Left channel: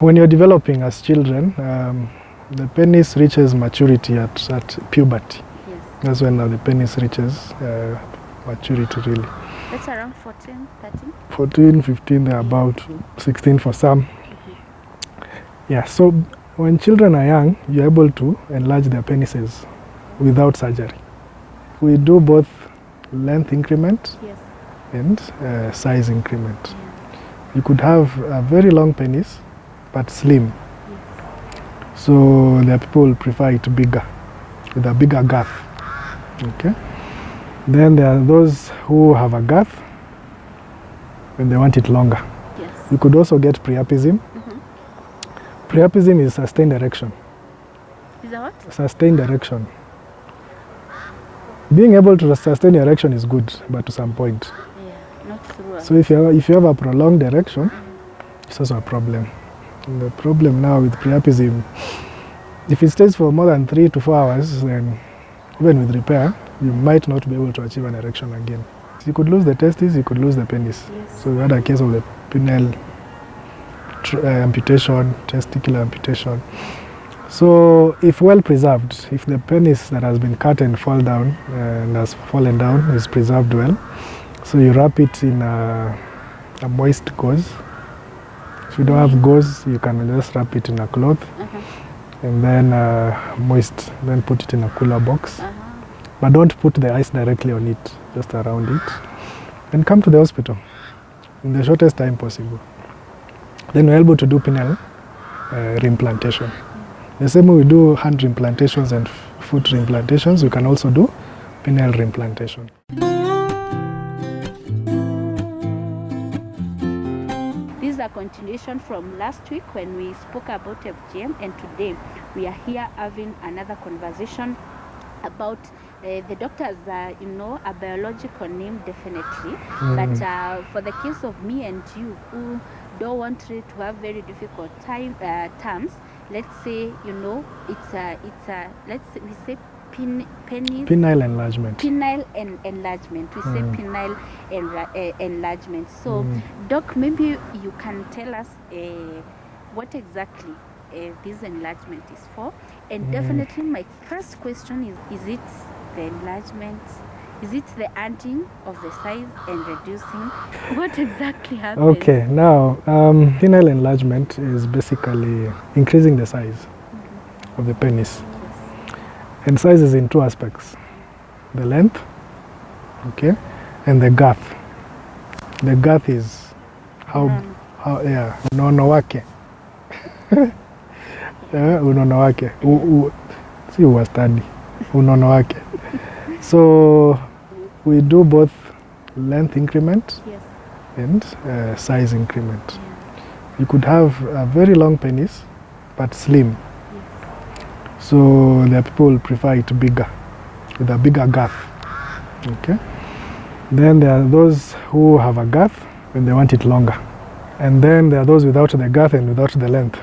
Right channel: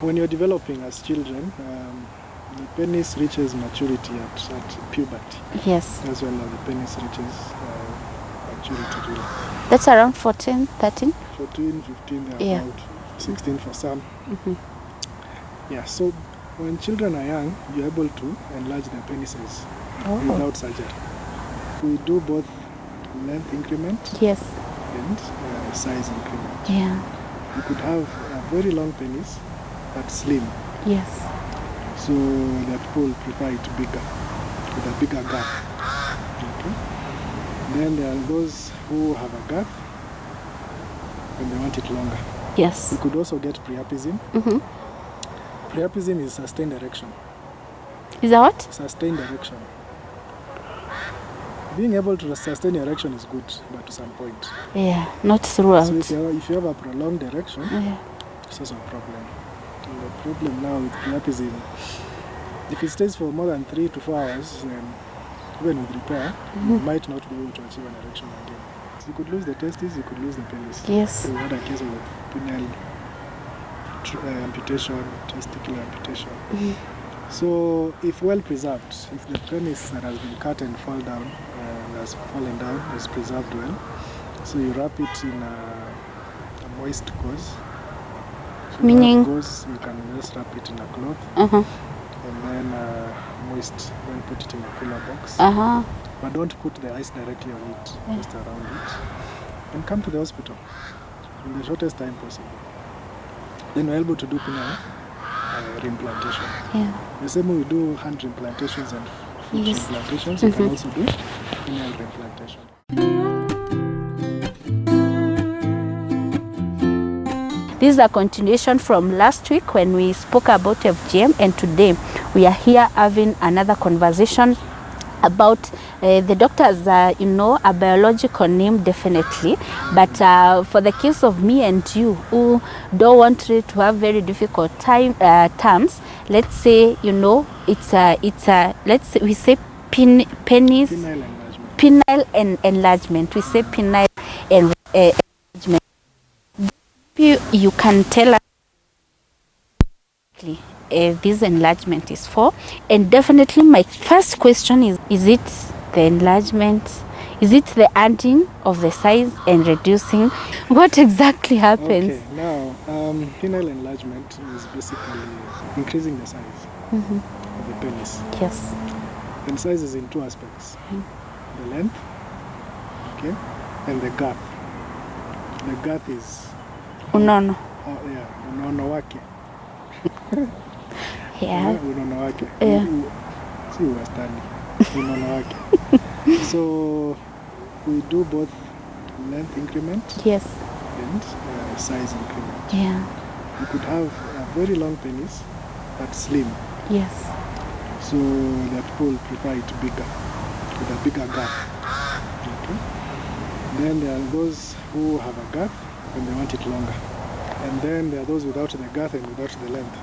When you're developing as children, the penis reaches maturity at puberty. Yes. That's when the penis reaches maturity, really. That's around 14, 13? 14, 15, they're Yeah. about 16 for some. Yeah, so when children are young, you're able to enlarge their penises without surgery. We do both length increment Yes. and size increment. Yeah. You could have a very long penis, but slim. Yes. So there are people who prefer it bigger, with a bigger girth. Okay. Then there are those who have a girth and they want it longer. Yes. You could also get priapism. Priapism is sustained erection. Is that what? Sustained erection. Being able to sustain erection is good, but to some point. Yeah, not throughout. So if you have a prolonged erection, it's also a problem. And the problem now with priapism, if it stays for more than 3 to 4 hours, then even with repair, you might not be able to achieve an erection again. So you could lose the testes, you could lose the penis. Yes. So we had a case of the penile amputation, testicular amputation. So if well preserved, if the penis that has been cut and fall down and has fallen down is preserved well, so you wrap it in a moist gauze. If you don't have gauze, you can just wrap it in a cloth and then moist, then put it in a cooler box. But don't put the ice directly on it, just around it. And come to the hospital in the shortest time possible. Then we're able to do penile reimplantation. Yeah. The same way we do hand reimplantations and foot reimplantations, you can also do penile reimplantation. This is a continuation from last week when we spoke about FGM, and today we are here having another conversation about the doctors, you know, a biological name definitely, but for the case of me and you who don't want it to have very difficult terms, let's say, you know, it's a let's say we say penile enlargement. Penile enlargement. We say penile enlargement. So, Doc, maybe you can tell us what exactly this enlargement is for. And definitely my first question is it the enlargement? Is it the adding of the size and reducing? What exactly happens? Okay, now penile enlargement is basically increasing the size of the penis. Yes. And size is in two aspects. The length, okay, and the girth. The girth is unono wake. Unono wake. Si uwastadi. Unono wake. So we do both length increment and size increment. Yeah. You could have a very long penis, but slim. Yes. So there are people who prefer it bigger, with a bigger girth. Okay. Then there are those who have a girth and they want it longer. And then there are those without the girth and without the length.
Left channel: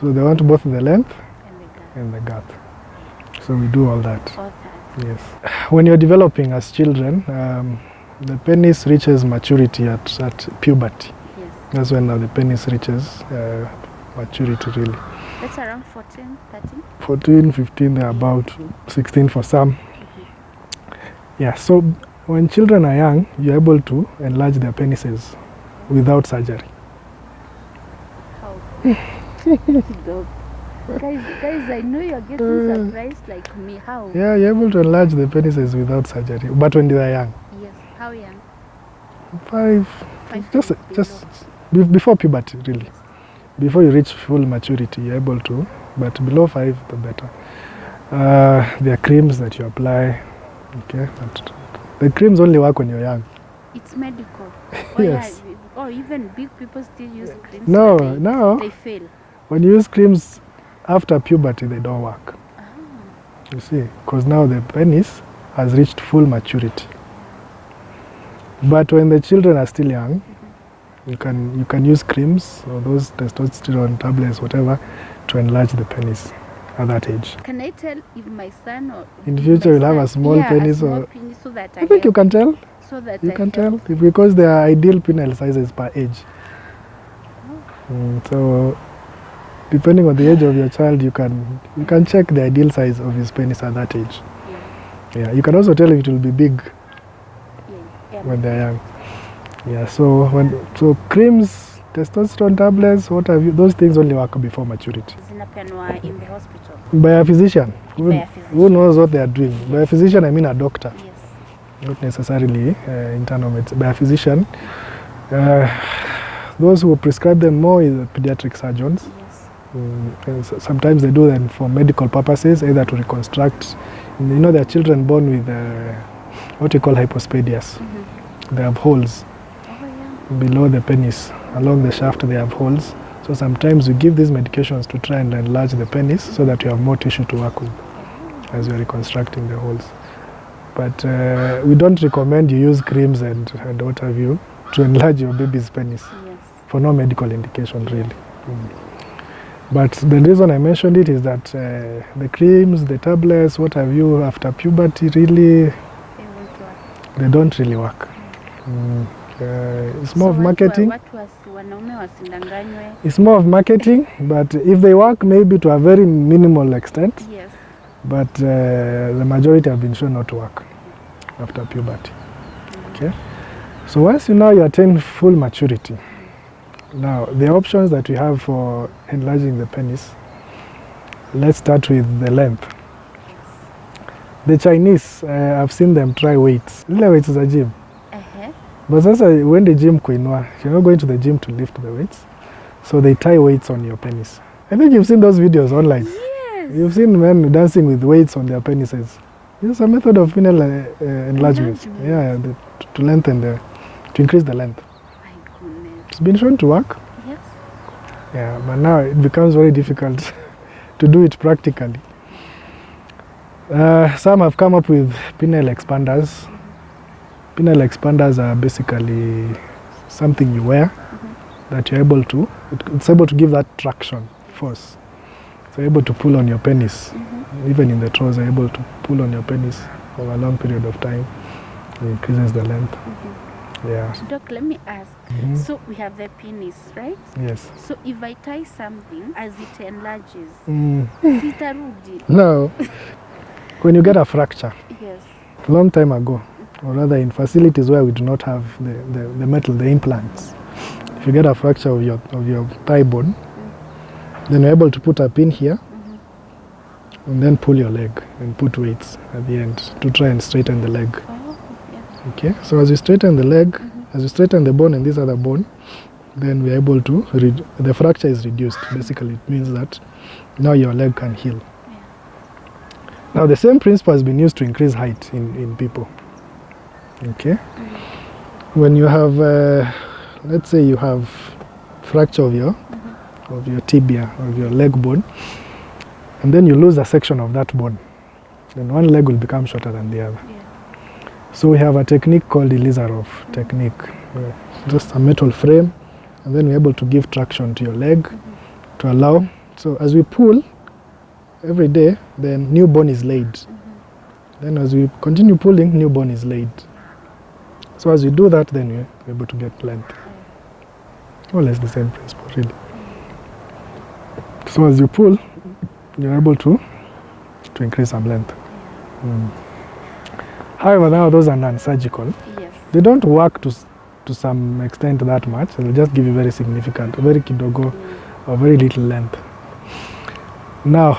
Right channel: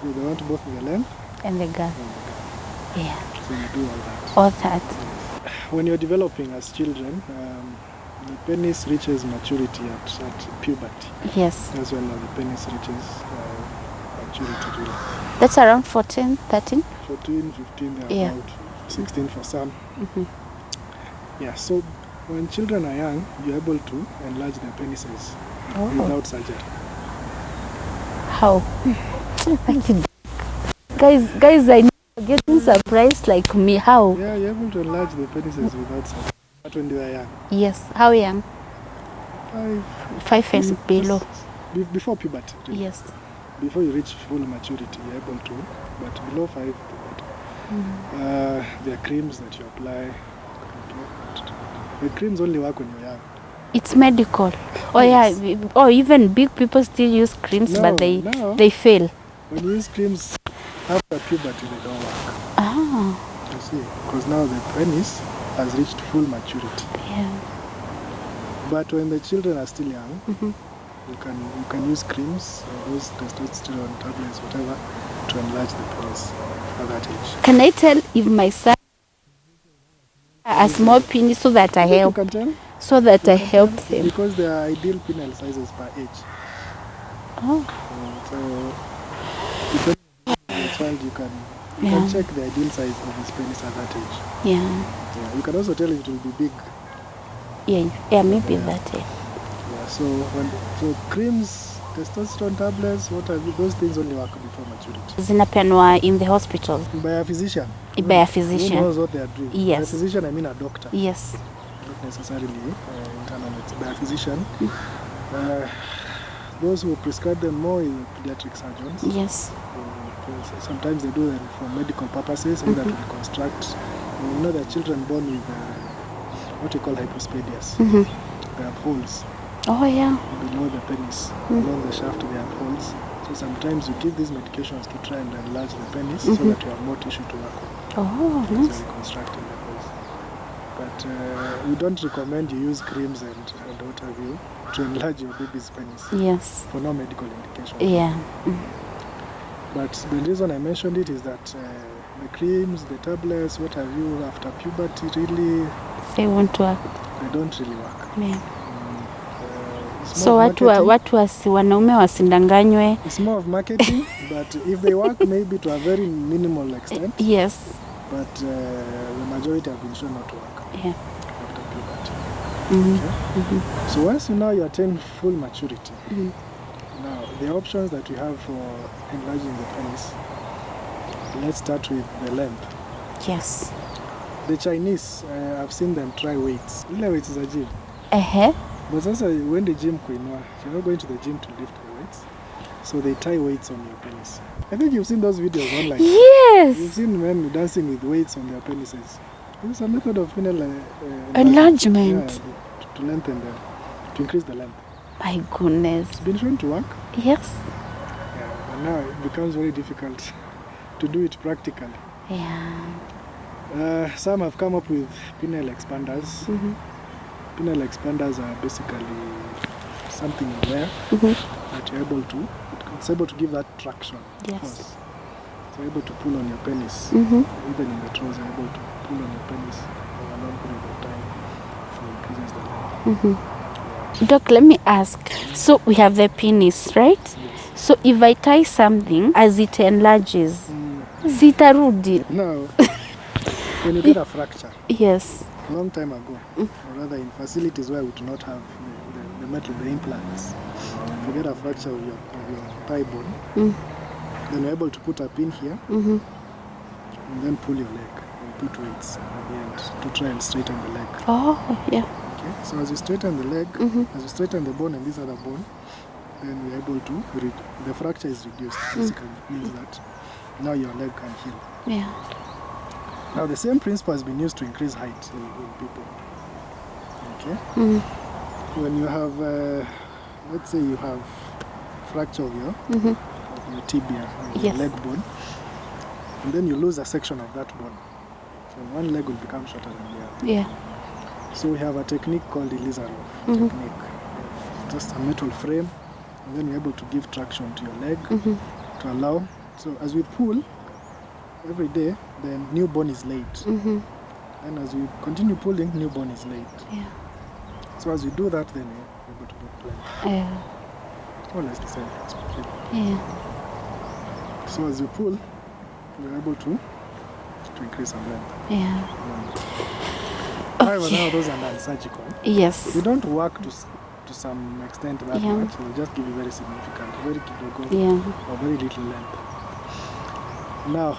So they want both the length and the girth. Yeah. So we do all that. All that. Yes. When you're developing as children, the penis reaches maturity at puberty. Yes. That's when the penis reaches maturity, really. That's around 14, 13? 14, 15, they're about 16 for some. Yeah, so when children are young, you're able to enlarge their penises without surgery. How? Guys, I know you're getting surprised like me. How? Yeah, you're able to enlarge the penises without surgery, but when they are young. Yes. How young? 5 and below. Before puberty, really. Yes. Before you reach full maturity, you're able to, but below 5, the better. There are creams that you apply. Okay. The creams only work when you're young. It's medical. Oh yes. Yeah. Or even big people still use creams, but they fail. When you use creams after puberty, they don't work. Ah. You see, because now the penis has reached full maturity. Yeah. But when the children are still young, you can use creams or those testosterone tablets, whatever, to enlarge the penis at that age. Can I tell if my son or in the future will have a small penis? A small penis, so that I help. You can tell? So that I help them. Because there are ideal penile sizes per age. Oh. So depending on the age of your child, you can check the ideal size of his penis at that age. Yeah. Yeah, you can also tell if it will be big. Yeah, maybe that. Yeah, so creams, testosterone tablets, what have you, those things only work before maturity. Zinapeanwa in the hospital. By a physician. By a physician. Who knows what they are doing. Yes. By a physician, I mean a doctor. Yes. Not necessarily internal medicine. By a physician. Those who prescribe them more is pediatric surgeons. Yes. Sometimes they do them for medical purposes, either to reconstruct. You know, there are children born with what we call hypospadias. They have holes. Oh, yeah. Below the penis, along the shaft, they have holes. So sometimes we give these medications to try and enlarge the penis so that you have more tissue to work with as you're reconstructing the holes. But we don't recommend you use creams and what have you to enlarge your baby's penis. Yes. For no medical indication. Yeah. But the reason I mentioned it is that the creams, the tablets, what have you, after puberty, really... They won't work. They don't really work. Yeah. It's more of marketing. Wanaume wasindanganywe. It's more of marketing, but if they work, maybe to a very minimal extent. Yes. But the majority have been shown not to work after puberty. Okay? So once you now you attain full maturity, now the options that we have for enlarging the penis, let's start with the length. Yes. The Chinese, I've seen them try weights. Lile weights is a gym. But also when the gym kuinua, you're not going to the gym to lift the weights. So they tie weights on your penis. I think you've seen those videos online. Yes. You've seen men dancing with weights on their penises. It's a method of penile enlargement. Yeah, to lengthen to increase the length. My goodness. It's been shown to work. Yes. Yeah, but now it becomes very difficult to do it practically. Yeah. Some have come up with penile expanders. Penile expanders are basically something you wear that you're able to, it's able to give that traction force. So you're able to pull on your penis. Even in the trouser, you're able to pull on your penis for a long period of time. It increases the length. Yeah. Doc, let me ask. So we have the penis, right? Yes. So if I tie something as it enlarges, zitarudi? No. When you get a fracture. Yes. Long time ago, or rather in facilities where we do not have the metal, the implants. If you get a fracture of your thigh bone, then you're able to put a pin here and then pull your leg and put weights at the end to try and straighten the leg. Oh, yeah. Okay, so as you straighten the leg, as you straighten the bone and this other bone, then we're able to, the fracture is reduced. Basically, it means that now your leg can heal. Yeah. Now the same principle has been used to increase height in people. Okay? When you have, let's say you have fracture of your tibia, or your leg bone, and then you lose a section of that bone, then one leg will become shorter than the other. Yeah. So we have a technique called the Elizarov technique. Just a metal frame, and then we're able to give traction to your leg to allow. So as we pull every day, then new bone is laid. Then as we continue pulling, new bone is laid. Yeah. So as we do that, then we're able to get length. Yeah. More or less the same principle, really. Yeah. So as you pull, you're able to increase some length. Yeah. However, now those are non-surgical. Yes. They don't work to some extent that much. So they just give you very significant, very kidogo, or very little length. Now,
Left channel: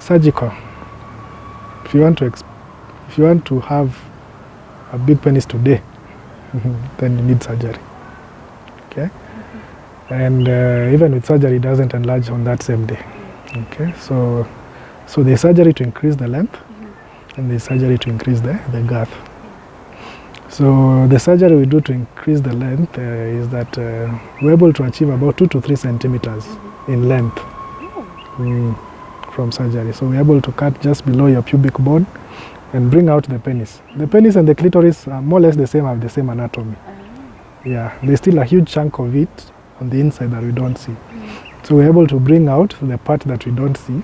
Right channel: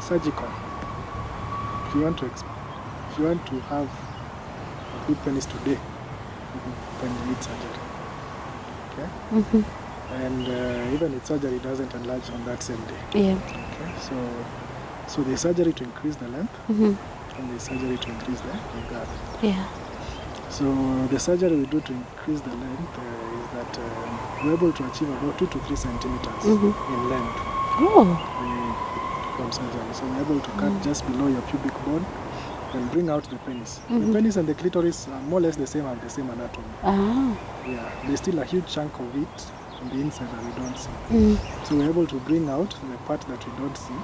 surgical. If you want to have a big penis today, then you need surgery. Okay. And even with surgery, it doesn't enlarge on that same day. Yeah. Okay. So there's surgery to increase the length, and there's surgery to increase the girth. Yeah. So the surgery we do to increase the length is that we're able to achieve about 2 to 3 centimeters in length from surgery. So we're able to cut just below your pubic bone and bring out the penis. The penis and the clitoris are more or less the same, have the same anatomy. Yeah, there's still a huge chunk of it on the inside that we don't see. So we're able to bring out the part that we don't see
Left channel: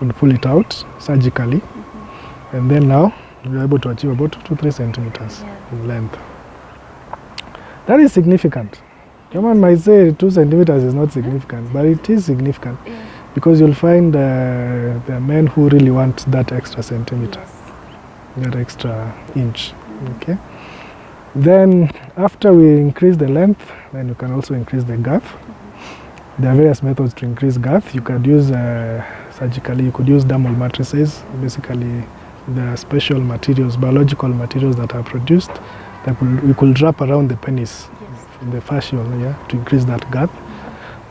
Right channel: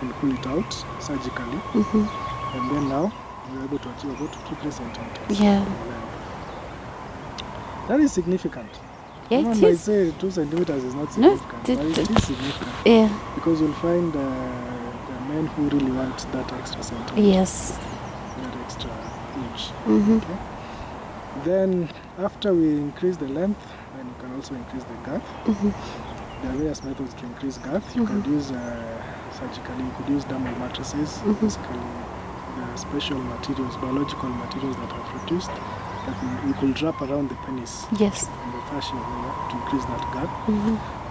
and pull it out surgically. And then now we're able to achieve about 2 to 3 centimeters in length. That is significant. Someone might say 2 centimeters is not significant, but it is significant. Yeah. Because you'll find there are men who really want that extra centimeter. Yes. That extra inch. Okay. Then after we increase the length, then you can also increase the girth. There are various methods to increase girth. You could use surgically, you could use dermal matrices, basically the special materials, biological materials that are produced that we could wrap around the penis, Yes. the fascium here, to increase that girth.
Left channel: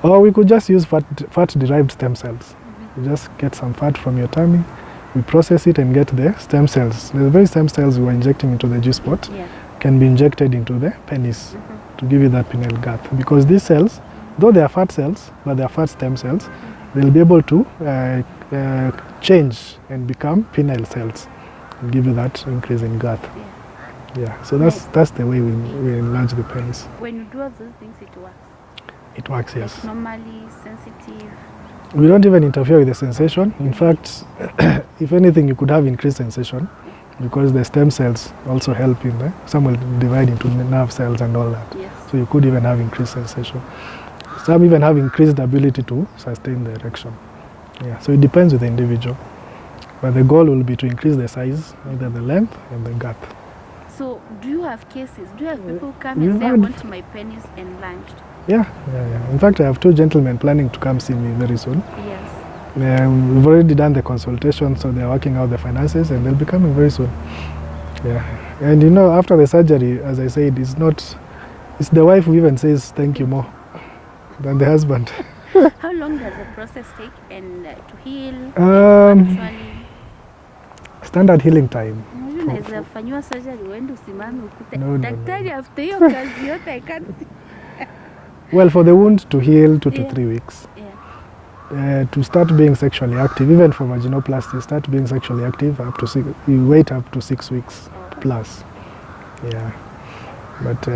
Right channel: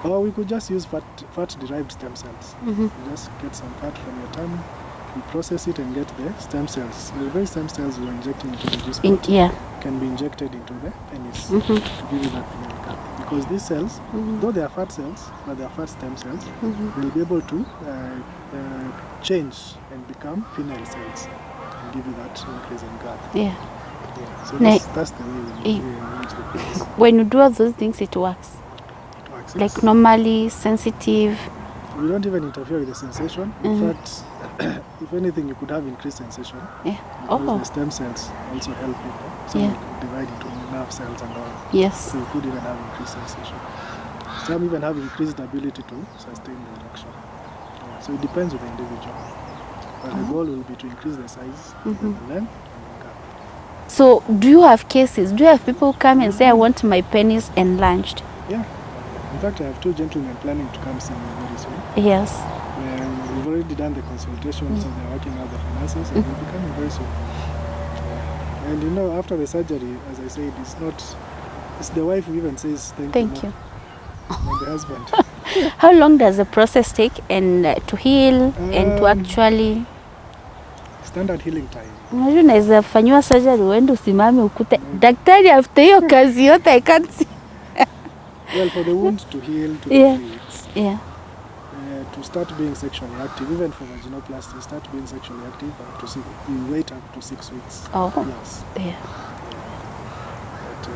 Or we could just use fat-derived stem cells. You just get some fat from your tummy, we process it and get the stem cells. The very stem cells we are injecting into the G-spot can be injected into the penis to give you that penile girth. Because these cells, though they are fat cells, but they are fat stem cells, they'll be able to change and become penile cells and give you that increase in girth. Yeah. Yeah. So that's the way we enlarge the penis. When you do all those things, it works. It works, yes. Like normally, sensitive. We don't even interfere with the sensation. In fact, if anything, you could have increased sensation because the stem cells also help in the, some will divide into the nerve cells and all that. Yes. So you could even have increased sensation. Some even have increased ability to sustain the erection. Yeah. So it depends with the individual. But the goal will be to increase the size, either the length and the girth. So do you have cases? Do you have people come and say, I want my penis enlarged? Yeah. In fact, I have 2 gentlemen planning to come see me very soon. Yes. We've already done the consultation, so they're working out the finances, and they'll be coming very soon. Yeah. And you know, after the surgery, as I said, it's the wife who even says thank you more than the husband. How long does the process take and to heal and to actually... Standard healing time. Unajua naweza fanyiwa surgery uende usimame ukute daktari after hiyo kazi yote I can't see. Well, for the wound to heal 2 to 3 weeks. Yeah. To start being sexually active, even for vaginoplasty, start being sexually active up to you wait up to 6 weeks plus. Yeah. But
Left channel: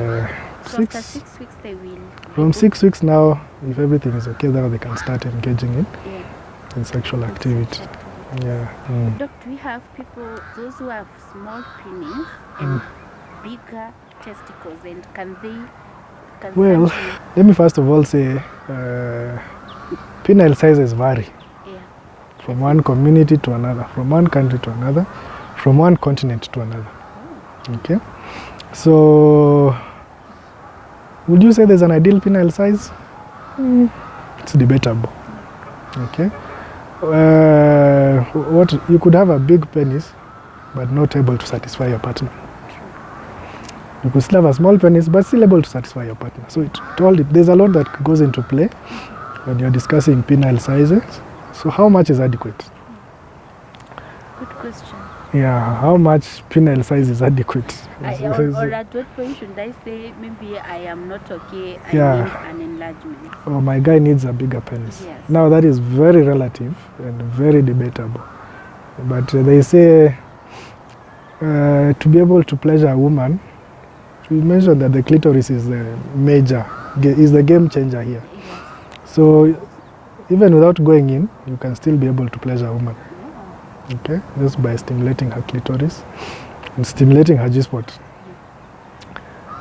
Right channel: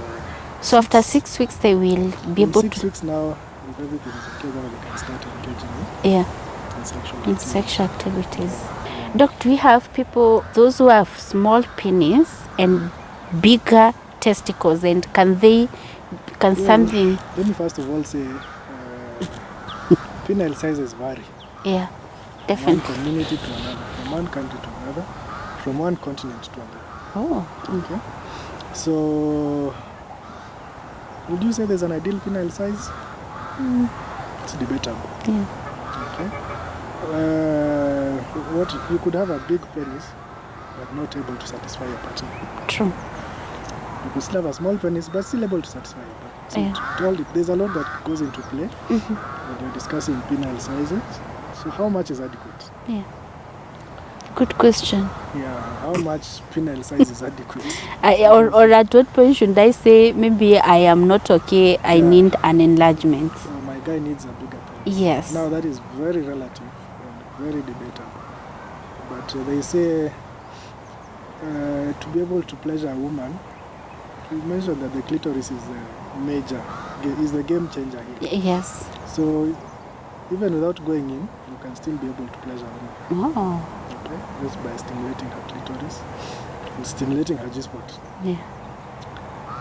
so after 6 weeks they will be from 6 weeks now, if everything is okay, then they can start engaging in sexual activities. Yeah. Doc, do we have people, those who have small penis and bigger testicles, and can something... Let me first of all say, penile sizes vary. Yeah. From one community to another, from one country to another, from one continent to another. Oh. Okay. So, would you say there's an ideal penile size? It's debatable. Yeah. Okay. What you could have a big penis, but not able to satisfy your partner. True. You could still have a small penis, but still able to satisfy your partner. So there's a lot that goes into play when you're discussing penile sizes. So how much is adequate? Yeah. Good question. Yeah, how much penile size is adequate? Or at what point should I say, maybe I am not okay, I need an enlargement? Or my guy needs a bigger penis. Yes. Now that is very relative and very debatable. But they say to be able to pleasure a woman, we mentioned that the clitoris is the game changer here. Yes. So even without going in, you can still be able to pleasure a woman. Oh. Okay, just by stimulating her clitoris and stimulating her G-spot. Yeah.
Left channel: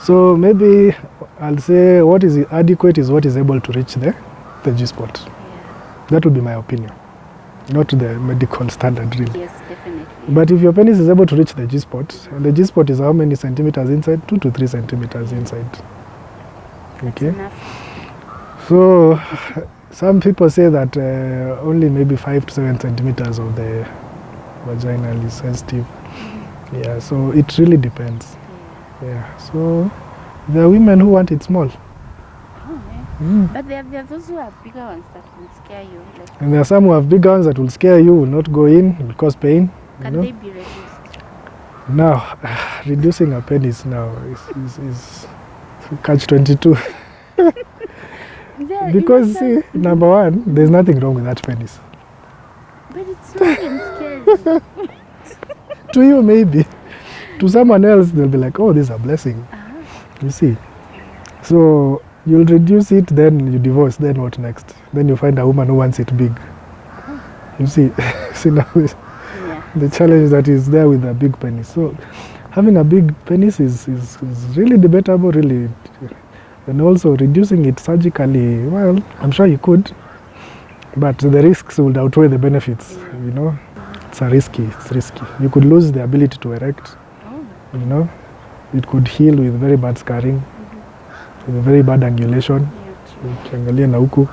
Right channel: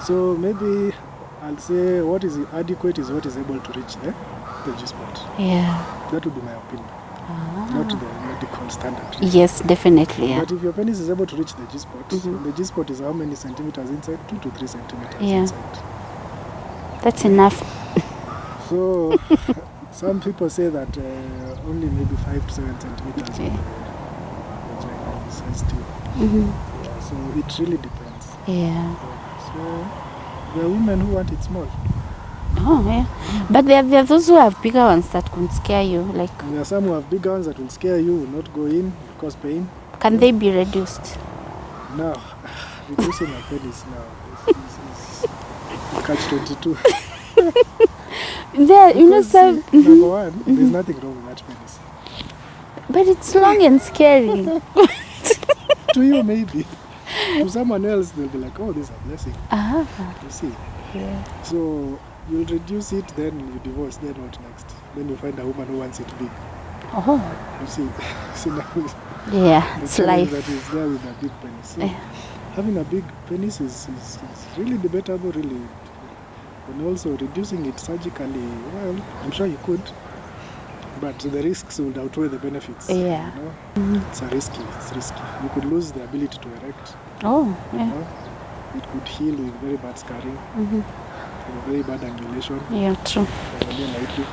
So maybe I'll say what is adequate is what is able to reach the G-spot. Yeah. That would be my opinion. Not the medical standard. Really. Yes, definitely. Yeah. But if your penis is able to reach the G-spot, the G-spot is how many centimeters inside? 2 to 3 centimeters inside. That's enough. So some people say that only maybe 5 to 7 centimeters of the vagina is sensitive. Yeah, so it really depends. Yeah. So there are women who want it small. Oh, yeah. But there are those who have bigger ones that could scare you. And there are some who have bigger ones that will scare you, will not go in, will cause pain. Can they be reduced? Now, reducing a penis now is catch-22. Because see, number one, there's nothing wrong with that penis. But it's long and scary. To you, maybe. To someone else, they'll be like, oh, this is a blessing. You see? Yeah. So you'll reduce it, then you divorce, then what next? Then you find a woman who wants it big. You see? Now the challenge that is there with a big penis. So having a big penis is really debatable, really. And also reducing it surgically, well, I'm sure you could, but the risks would outweigh the benefits. Yeah. You know, it's risky. You could lose the ability to erect. Oh, You know, it could heal with very bad scarring, with very bad angulation. Yeah, true. Ukiangalia na huku.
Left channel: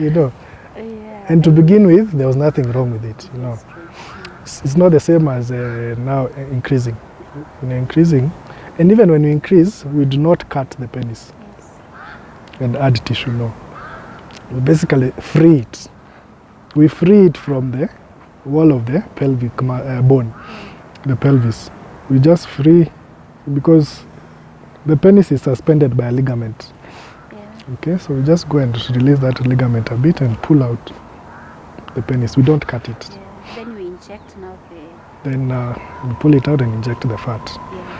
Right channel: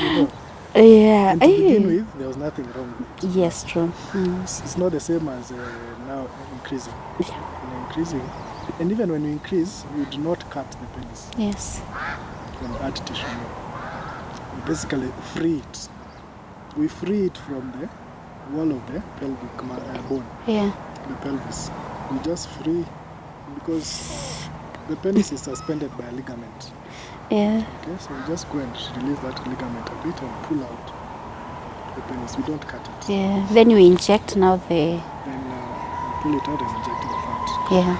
You know. Yeah. And to begin with, there was nothing wrong with it. Yes, No. true. It's not the same as now increasing. When increasing, and even when we increase, we do not cut the penis Yes. and add tissue. No, we basically free it. We free it from the wall of the pelvic bone, Yeah. the pelvis. We just free because the penis is suspended by a ligament. Yeah. Okay, so we just go and release that ligament a bit and pull out the penis. We don't cut it. Yeah. Then you inject now the. Then we pull it out and inject the fat. Yeah.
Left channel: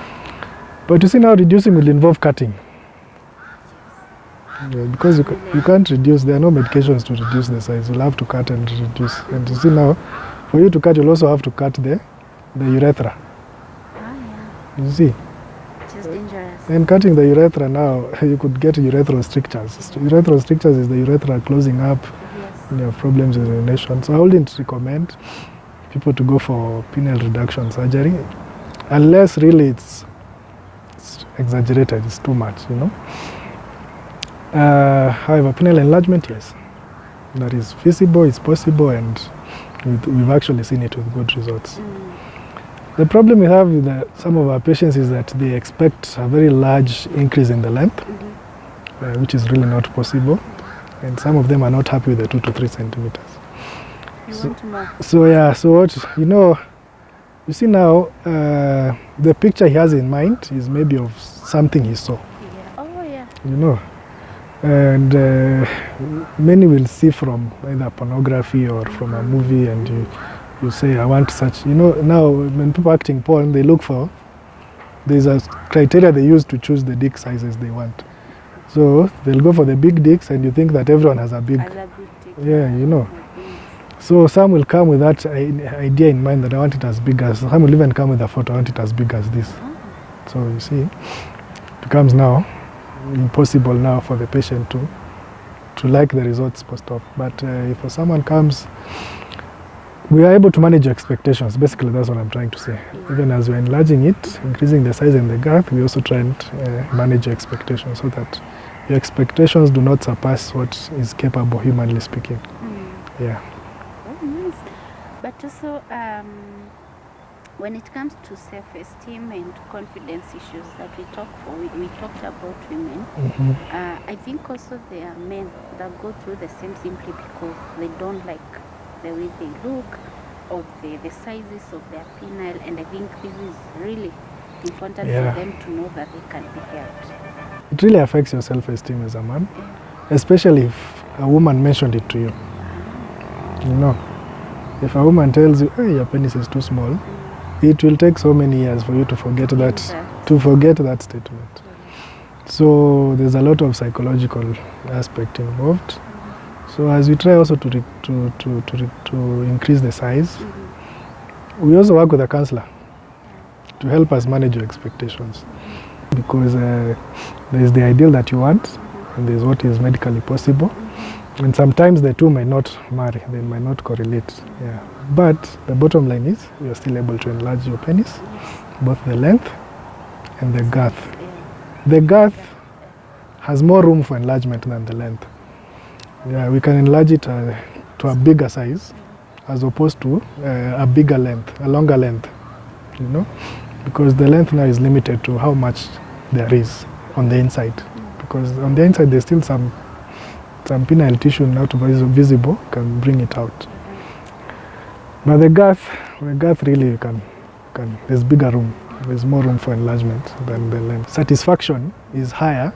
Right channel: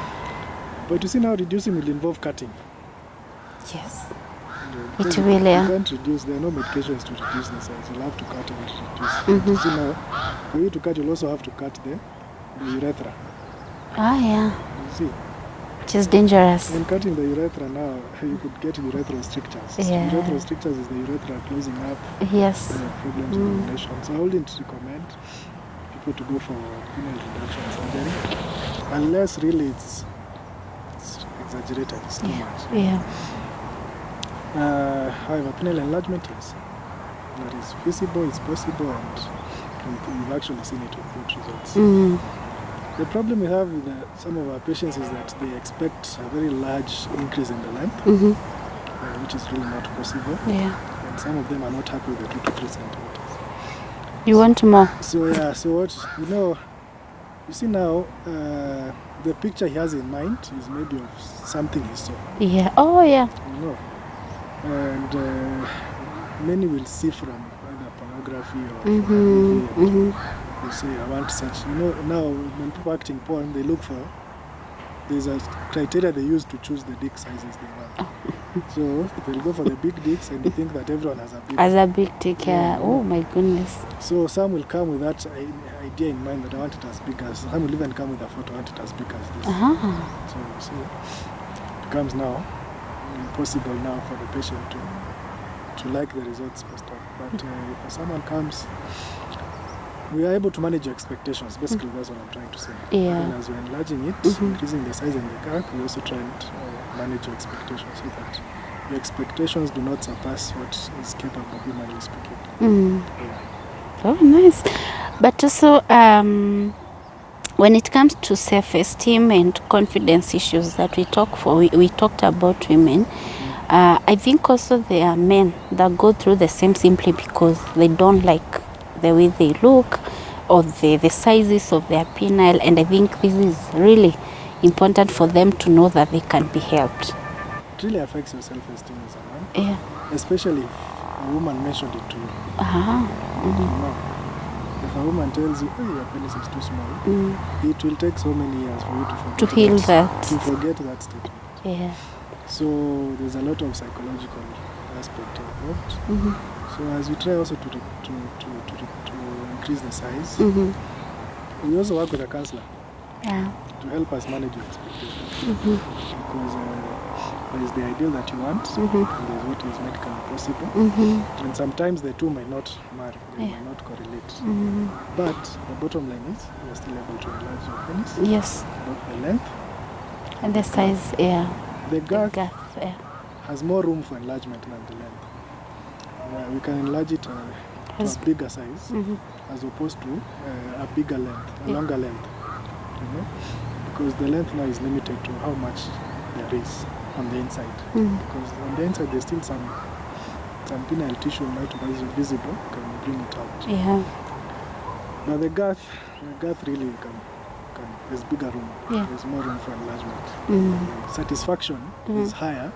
But you see now reducing will involve cutting. Yes. Yeah, because you Really, can't reduce, there are no medications to reduce the size. You'll have to cut and reduce. And you see now, for you to cut, you'll also have to cut the urethra. Ah, yeah. You see? Which is dangerous. And cutting the urethra now, you could get urethral strictures. Yeah. Urethral strictures is the urethra closing up. Yes. You have problems with urination. So I wouldn't recommend people to go for penile reduction surgery unless really it's exaggerated, it's too much. You know? However, penile enlargement, yes, that is feasible, it's possible, and we've actually seen it with good results. The problem we have with some of our patients is that they expect a very large increase in the length, which is really not possible. Yeah. And some of them are not happy with the 2 to 3 centimeters. You want more? So yeah, so what, you see now, the picture he has in mind is maybe of something he saw. Yeah. Oh, yeah. You know, and many will see from either pornography or from a movie, and you say, I want such. You know, now when people acting porn, they look for, there's a criteria they use to choose the dick sizes they want. So they'll go for the big dicks, and you think that everyone has a big. As a big dick, Yeah, you know. Oh my goodness. So some will come with that idea in mind that I want it as big as. Some will even come with a photo, I want it as big as this. So you see, it becomes now impossible now for the patient to like the results post-op. But if someone comes, we are able to manage your expectations. Basically, that's what I'm trying to say. Yeah. Even as we're enlarging it, increasing the size and the gap, we also try and manage your expectations so that your expectations do not surpass what is capable, humanly speaking. Yeah. Oh, nice. But also, when it comes to self-esteem and confidence issues that we talked about women, I think also there are men that go through the same simply because they don't like the way they look or the sizes of their penile, and I think this is really important for them to know that they can be helped. It really affects your self-esteem as a man, especially if a woman mentioned it to you. You know, if a woman tells you, hey, your penis is too small, it will take so many years for you to forget that statement. So there's a lot of psychological aspect involved. So as we try also to increase the size, we also work with a counselor to help us manage your expectations. Because there's the ideal that you want, and there's what is medically possible. And sometimes the two may not marry, they might not correlate. But the bottom line is, you're still able to enlarge your penis, both the length and the girth. The girth has more room for enlargement than the length. Yeah, we can enlarge it to a bigger size as opposed to a bigger length, a longer length, you know, because the length now is limited to how much there is on the inside. Because on the inside there's still some penile tissue not visible, can bring it out. But the girth really there's bigger room. There's more room for enlargement than the length. Satisfaction is higher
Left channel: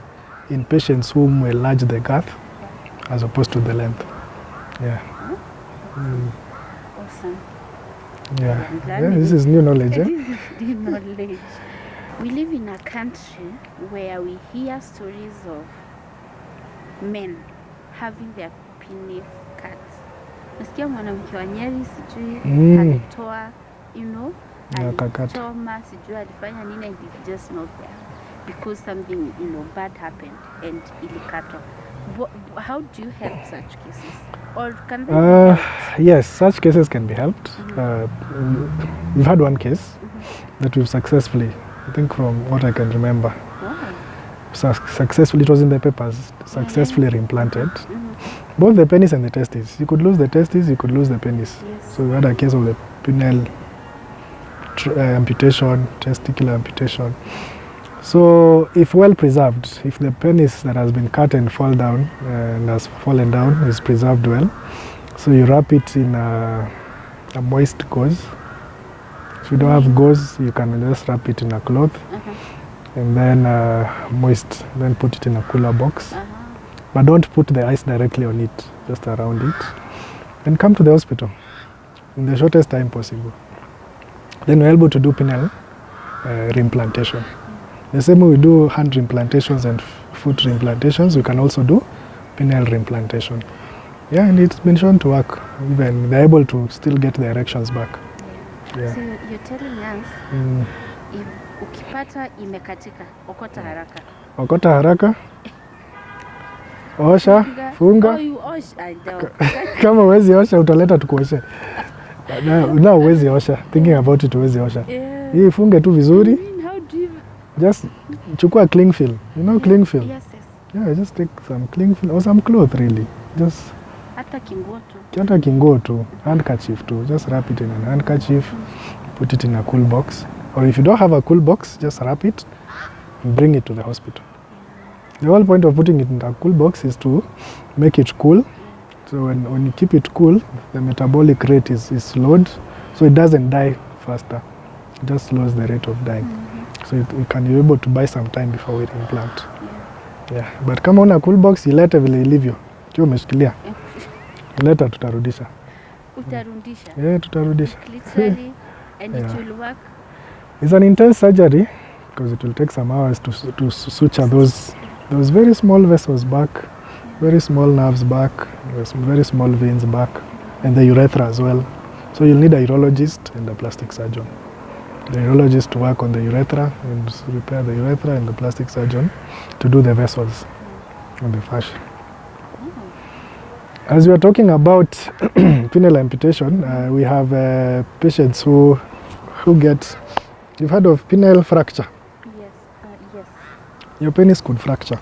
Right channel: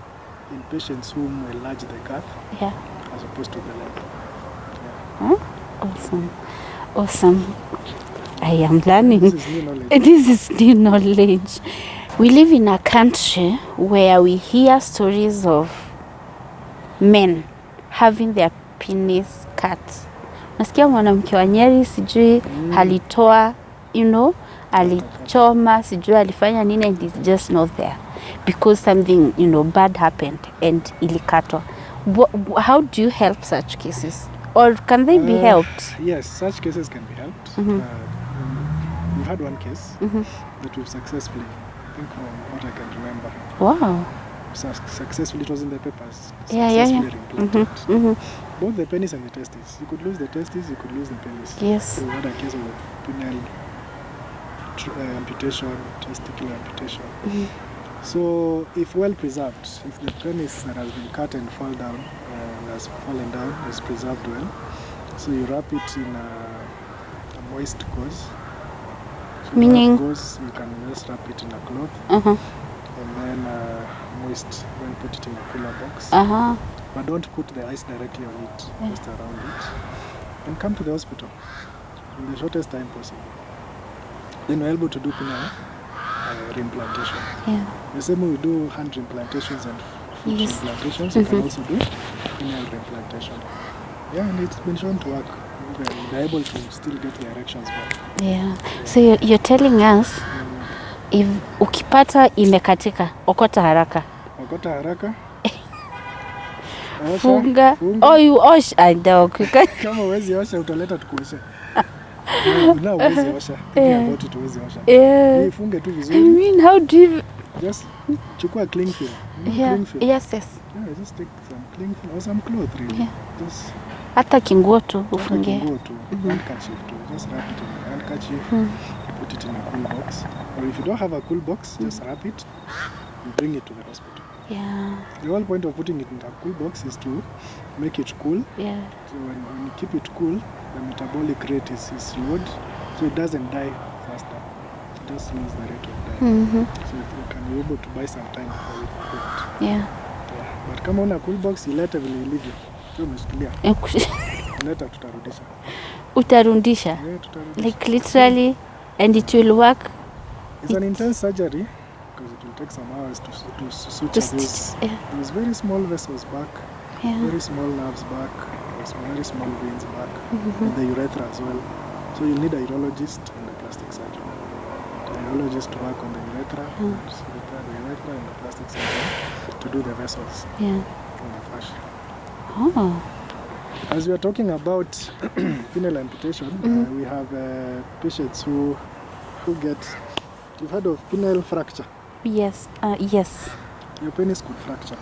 in patients whom enlarge the girth as opposed to the length. Awesome. I am learning. This is new knowledge. This is new knowledge. We live in a country where we hear stories of men having their penis cut. Nasikia mwanamke wa Nyeri sijui alitoa, alichoma, sijui alifanya nini, and it's just not there. because something, bad happened and ilikatwa. How do you help such cases? Or can they be helped? Yes, such cases can be helped. We've had one case that we've successfully, I think from what I can remember, Wow. Successfully, it was in the papers, successfully reimplanted. Both the penis and the testes. You could lose the testes, you could lose the penis. Yes. So we had a case of the penile amputation, testicular amputation. So if well preserved, if the penis that has been cut and fall down and has fallen down is preserved well, so you wrap it in a moist gauze. If you don't have gauze, you can just wrap it in a cloth and then moist, then put it in a cooler box. But don't put the ice directly on it, just around it. And come to the hospital in the shortest time possible. Then we're able to do penile reimplantation. Yeah. The same way we do hand reimplantations and foot reimplantations, you can also do penile reimplantation. Yeah, and it's been shown to work. Even they're able to still get the erections back. Yeah. So you're telling us if ukipata imekatika, okota haraka. Okota haraka. Osha, funga. Oh, you wash dog. Kama huwezi osha utaleta tukuoshe. Na huwezi osha. Thinking about it, huwezi osha. Hii funge tu vizuri. I mean, how do you just chukua cling film. You know cling film? Yes. Yeah, just take some cling film or some cloth really. Just hata kinguo tu. Hata kinguo tu. Handkerchief tu. Just wrap it in a handkerchief. Put it in a cool box. Or if you don't have a cool box, just wrap it and bring it to the hospital. Yeah. The whole point of putting it in a cool box is to make it cool. Yeah. So when you keep it cool, the metabolic rate is slowed, so it doesn't die faster. It just slows the rate of dying. So you can be able to buy some time before we implant. Yeah. Yeah. But kama una cool box, ilete vile ilivyo. Kiwa umeshikilia. Ileta tutarudisha. Utarudisha? Yeah, tutarudisha. Like literally, and it will work. It's an intense surgery because it will take some hours to suture those very small vessels back, very small nerves back, very small veins back, and the urethra as well. So you'll need a urologist and a plastic surgeon. The urologist to work on the urethra and repair the urethra, and the plastic surgeon to do the vessels and the fascia. Oh. As we are talking about penile amputation, we have patients who get, you've heard of penile fracture? Yes, yes. Your penis could fracture.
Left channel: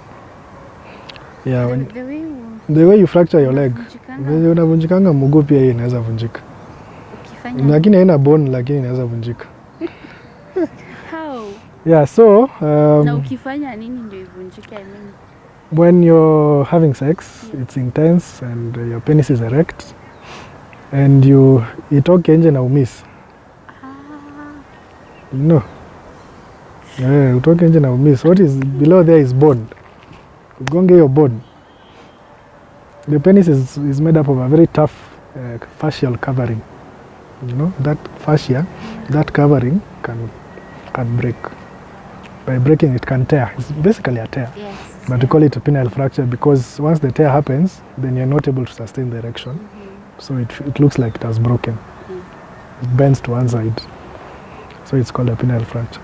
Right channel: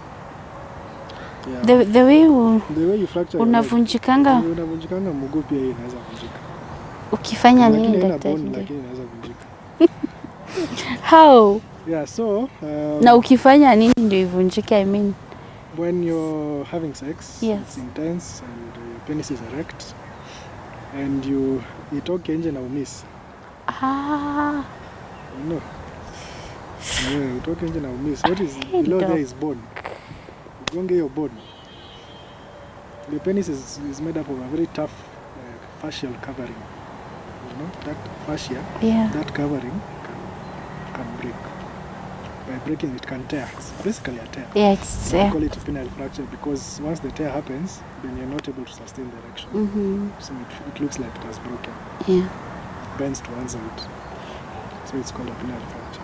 Yeah. The way you fracture your leg. Unavunjikanga mguu pia inaweza vunjika. Ukifanya nini? Lakini haina bone, lakini inaweza vunjika. How? Yeah, so na ukifanya nini ndio ivunjike? I mean, when you're having sex, it's intense and your penis is erect and you itoke nje na umiss. No. Utoke nje na umiss. What is below there is bone. Ugonge your bone. The penis is made up of a very tough fascial covering. You know, that fascia, that covering can break. By breaking, it can tear. It's basically a tear. Yeah, but we call it a penile fracture because once the tear happens, then you're not able to sustain the erection. So it looks like it has broken. Yeah. It bends to one side. So it's called a penile fracture.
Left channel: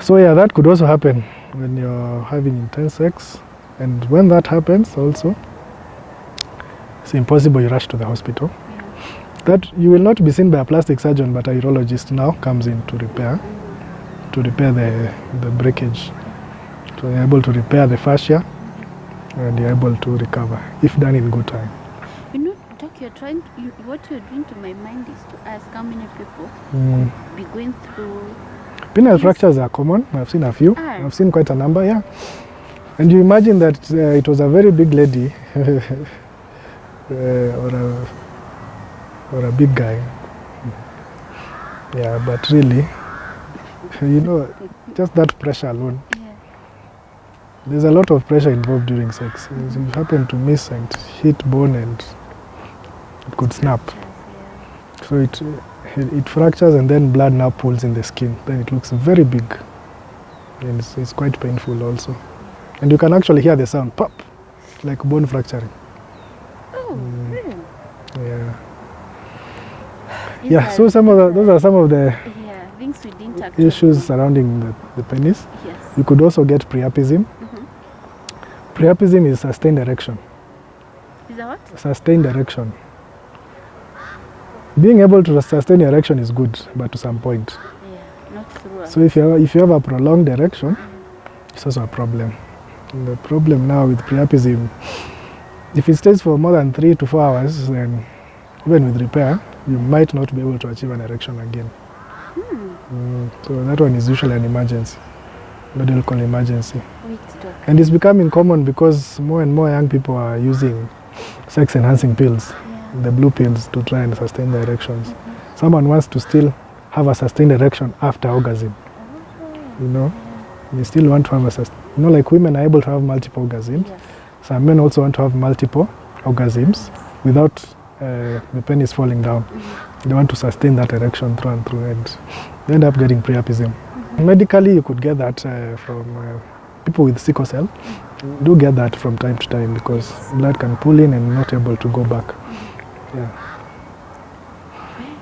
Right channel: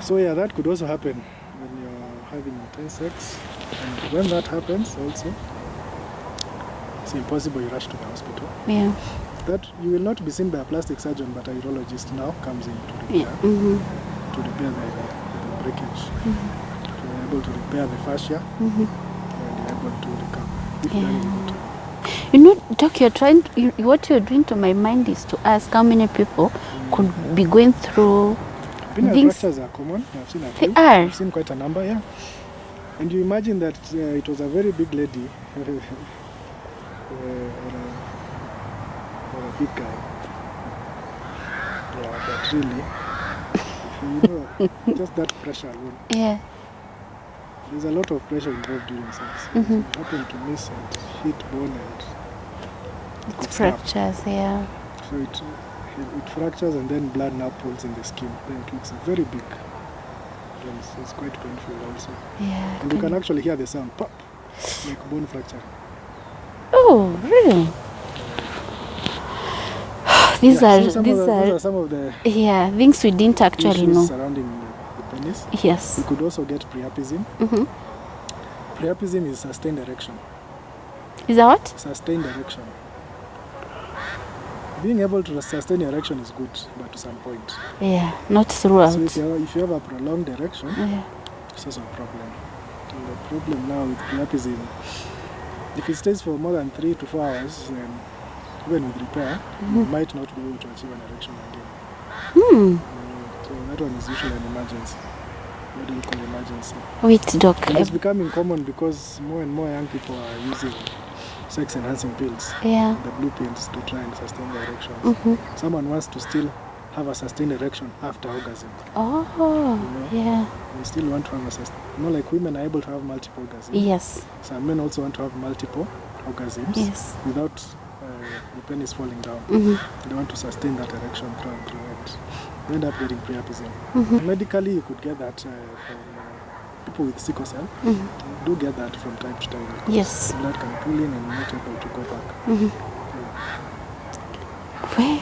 So yeah, that could also happen when you're having intense sex. And when that happens also, it's impossible you rush to the hospital. Yeah. That you will not be seen by a plastic surgeon, but a urologist now comes in to repair. To repair the breakage. So you're able to repair the fascia and you're able to recover if done in good time. You know, Doc, what you're doing to my mind is to ask how many people could be going through. Penile fractures are common. I've seen a few. I've seen quite a number, yeah. And you imagine that it was a very big lady or a big guy. Yeah, but really, you know, just that pressure alone. Yeah. There's a lot of pressure involved during sex. If you happen to miss and hit bone and it could snap. Yeah. So it fractures and then blood now pools in the skin. Then it looks very big. And it's quite painful also. Yeah. And you can actually hear the sound, pop, like bone fracturing. Oh, really? Yeah. These are, so those are some of the yeah, things we didn't actually issues know. surrounding the penis. Yes. You could also get priapism. Priapism is sustained erection. Is that what? Sustained erection. Being able to sustain erection is good, but to some point. Yeah, not throughout. So if you have a prolonged erection, Yeah. it's also a problem. And the problem now with priapism, if it stays for more than 3 to 4 hours, then even with repair, you might not be able to achieve an erection again. So that one is usually an emergency, medical emergency. Wait, doc. And it's becoming common because more and more young people are using sex-enhancing pills, Yeah. the blue pills, to try and sustain the erections. Someone wants to still have a sustained erection after orgasm. Oh. You know, Yeah. they still want to have a sustained. You know, like women are able to have multiple orgasms. Yes. Some men also want to have multiple orgasms Yes. without the penis falling down. They want to sustain that erection through and through, and they end up getting priapism. Medically, you could get that from people with sickle cell. Do get that from time to time because Yes. blood can pull in and not able to go back. Where?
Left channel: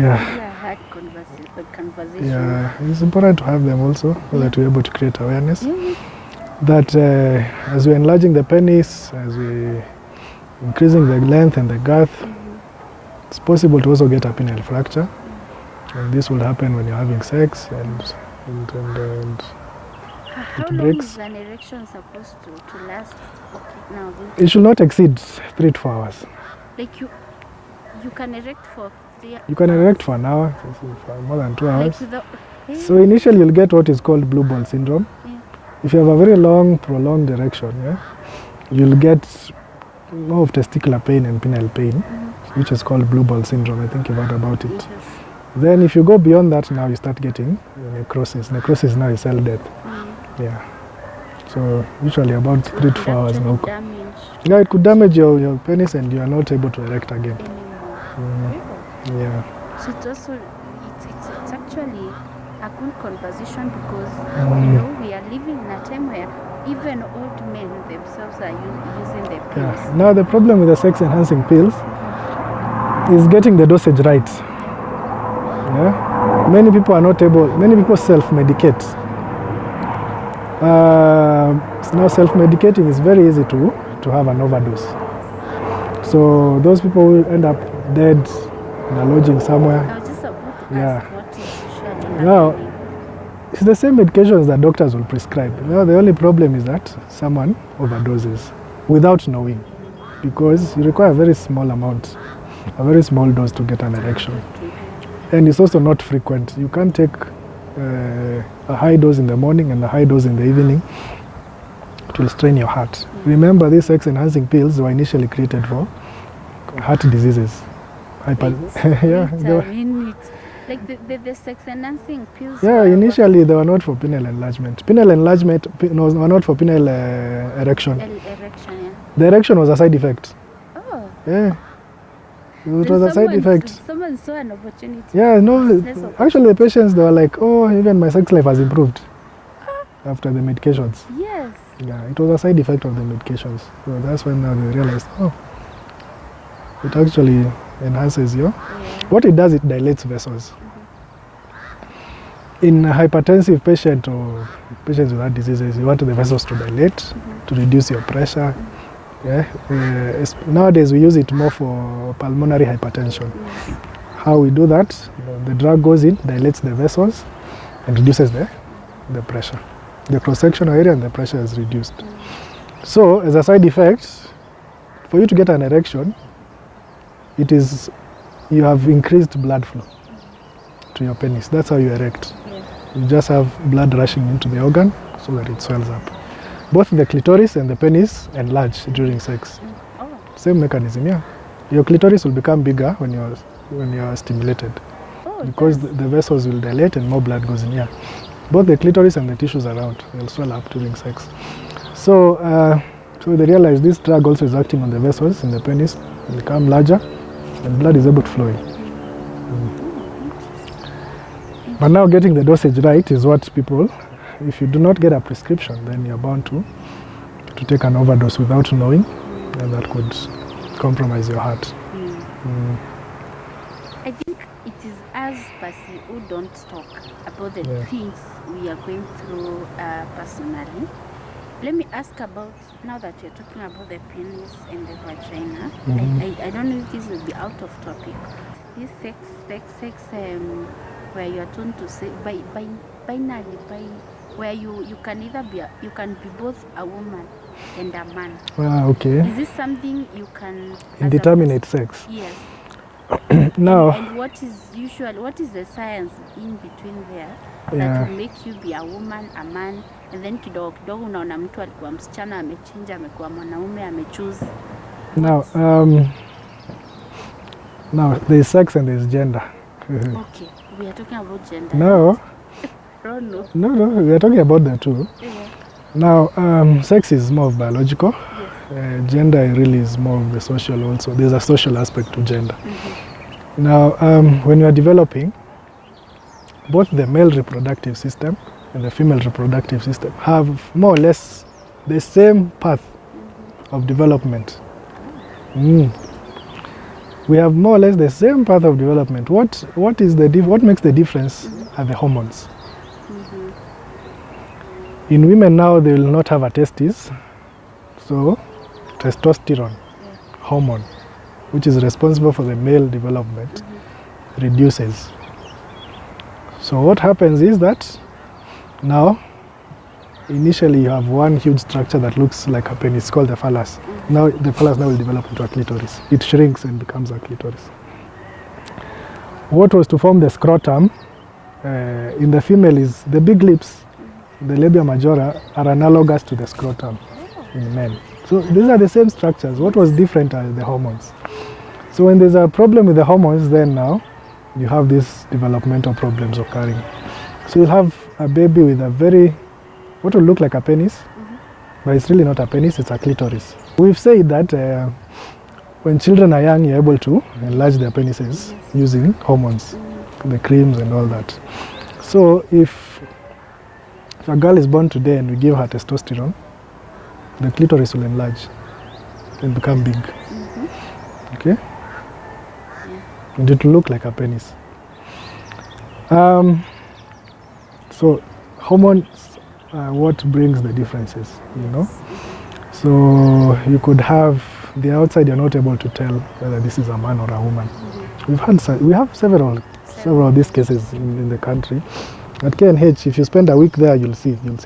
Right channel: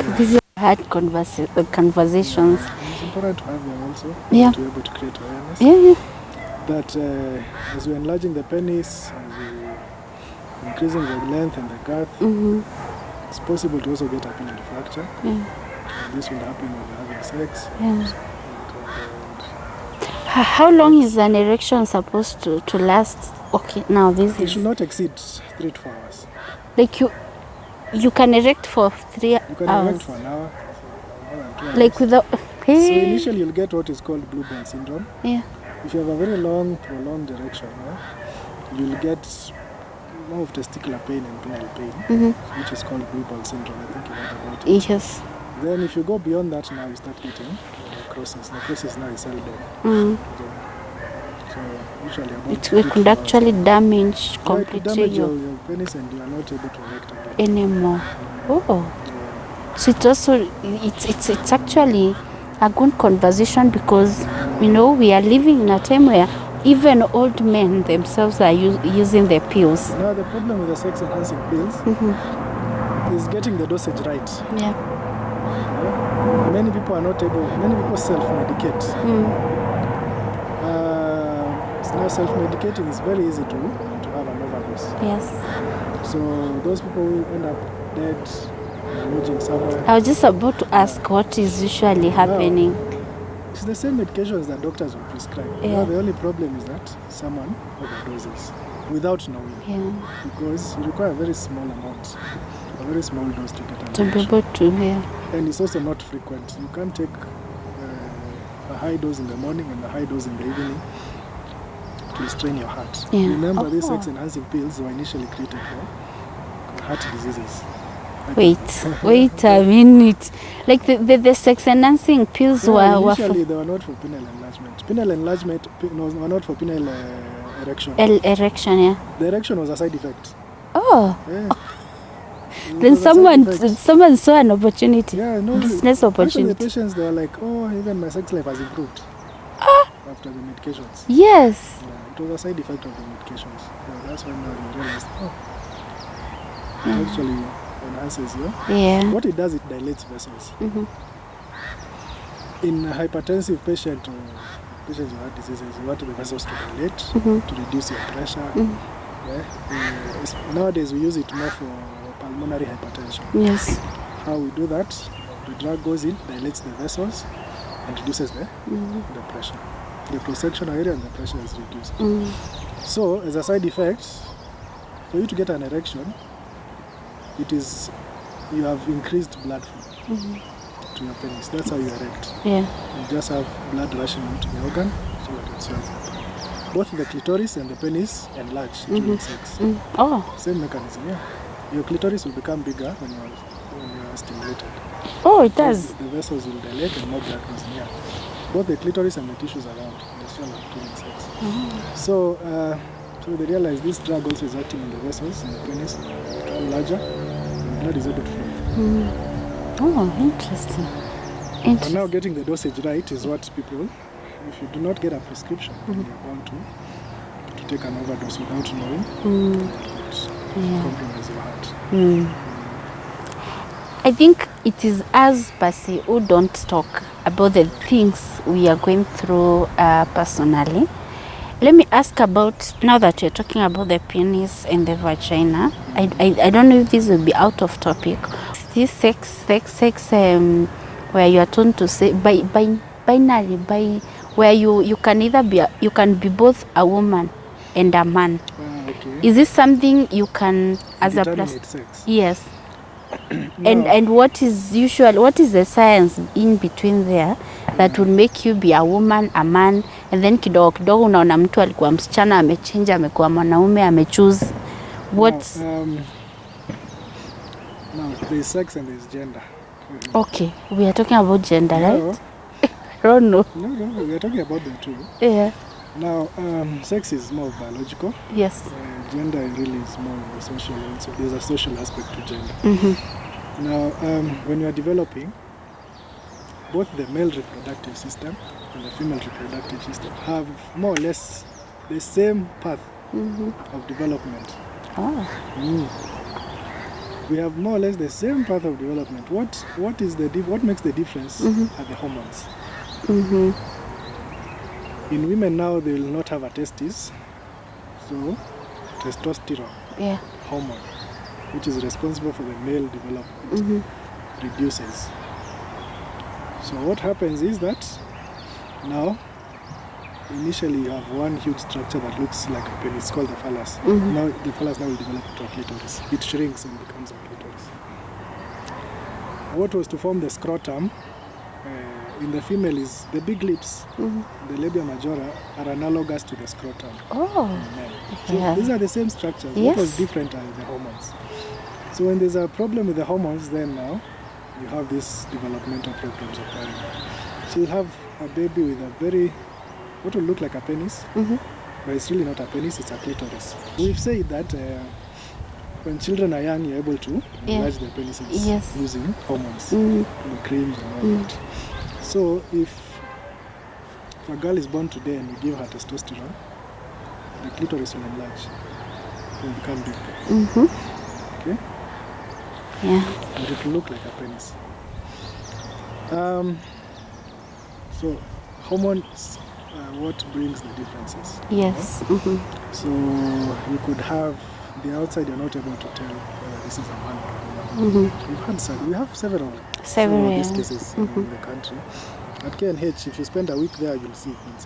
Yeah. These are hard conversations. Yeah, it's important to have them also Yeah. to be able to create awareness Yeah. that as we're enlarging the penis, as we're increasing the length and the girth, it's possible to also get a penile fracture. And this will happen when you're having sex. And How long is an erection supposed to last? Okay, now this it should not exceed 3 to 4 hours. like you can erect for 3 hours. You can erect for an hour, for more than 2 hours. Like without. So initially you'll get what is called blue ball syndrome. Yeah. If you have a very long, prolonged erection, you'll get more of testicular pain and penile pain, which is called blue ball syndrome. I think you've heard about it. Yes. Then if you go beyond that, now you start getting necrosis. Necrosis now is cell death. Yeah. So usually about 3 to It 4 could hours actually long. damage. Yeah, it could damage completely your penis and you are not able to erect again. anymore. Oh. Yeah. So it also it's actually a good conversation because you know we are living in a time where even old men themselves are using the pills. Now the problem with the sex enhancing pills is getting the dosage right. Yeah. Yeah. Many people are not able. Many people self-medicate. Now self-medicating is very easy to have an overdose. Yes. So those people will end up dead, in a lodging somewhere. I was just about to ask what is usually Now, happening. it's the same medications that doctors will prescribe. Yeah. Now the only problem is that someone overdoses without knowing, Yeah. because you require a very small amount, a very small dose to get an To be erection. able to hear. And it's also not frequent. You can't take a high dose in the morning and a high dose in the evening. It will strain your heart. Yeah. Remember, these sex enhancing pills were initially created for heart diseases. Wait a minute. Like the sex enhancing pills Yeah, initially they were not for penile enlargement. Penile enlargement were not for penile erection. erection, yeah. The erection was a side effect. Oh. Yeah. Then someone saw an opportunity. Yeah, no. Business Actually, the opportunity. patients, they were like, oh, even my sex life has improved after the medications. Yes. Yeah, it was a side effect of the medications. So that's when now they realized, oh, it actually enhances your. Yeah. What it does, it dilates vessels. In a hypertensive patient or patients with heart diseases, you want the vessels to dilate to reduce your pressure. Yeah. Nowadays, we use it more for pulmonary hypertension. Yes. How we do that, the drug goes in, dilates the vessels, and reduces the pressure. The cross-sectional area and the pressure is reduced. So, as a side effect, for you to get an erection, it is you have increased blood flow to your penis. That's how you erect. Yeah. You just have blood rushing into the organ so that it swells up. Both the clitoris and the penis enlarge during sex. Oh. Same mechanism, yeah. Your clitoris will become bigger when you're stimulated. Oh, it Because does. the vessels will dilate and more blood goes in here. Both the clitoris and the tissues around will swell up during sex. So they realize this drug also is acting on the vessels in the penis, they become larger, and blood is able to flow in. Oh, interesting. But now getting the dosage right is what people, if you do not get a prescription, then you're bound to take an overdose without knowing, and that could compromise your heart. I think it is us, Basi, who don't talk about the things we are going through personally. Let me ask about, now that you're talking about the penis and the vagina, I don't know if this will be out of topic. This sex, where you are told to say, binary, where you can either be, you can be both a woman and a man. Okay. Is this something you can, as determine sex? Yes. No. And what is the science in between there that will make you be a woman, a man, and then kidogo kidogo unaona mtu alikuwa msichana amechange amekuwa mwanaume amechoose. What? Now there's sex and there's gender. Okay, we are talking about gender. No. Right? I don't know. No, we are talking about that too. Yeah. Now, sex is more of biological. Yes. Gender really is more of the social also. There's a social aspect to gender. Now, when you are developing, both the male reproductive system and the female reproductive system have more or less the same path of development. We have more or less the same path of development. What makes the difference are the hormones. In women now, they will not have a testis, so testosterone hormone, which is responsible for the male development, reduces. So what happens is that now, initially you have one huge structure that looks like a penis, it's called the phallus. Now the phallus will develop into a clitoris. It shrinks and becomes a clitoris. What was to form the scrotum in the female is the big lips, the labia majora, are analogous to the scrotum in men. So these are the same structures. What was different are the hormones. So when there's a problem with the hormones, then now you have these developmental problems occurring. So you'll have a baby with what will look like a penis, but it's really not a penis, it's a clitoris. We've said that when children are young, you're able to enlarge their penises using hormones, the creams and all that. So if a girl is born today and we give her testosterone, the clitoris will enlarge and become big. Okay? Yeah. And it will look like a penis. So hormones are what brings the differences. Yes. You know? So you could have the outside, you're not able to tell whether this is a man or a woman. We have several of these cases in the country. At KNH, if you spend a week there, you'll see them.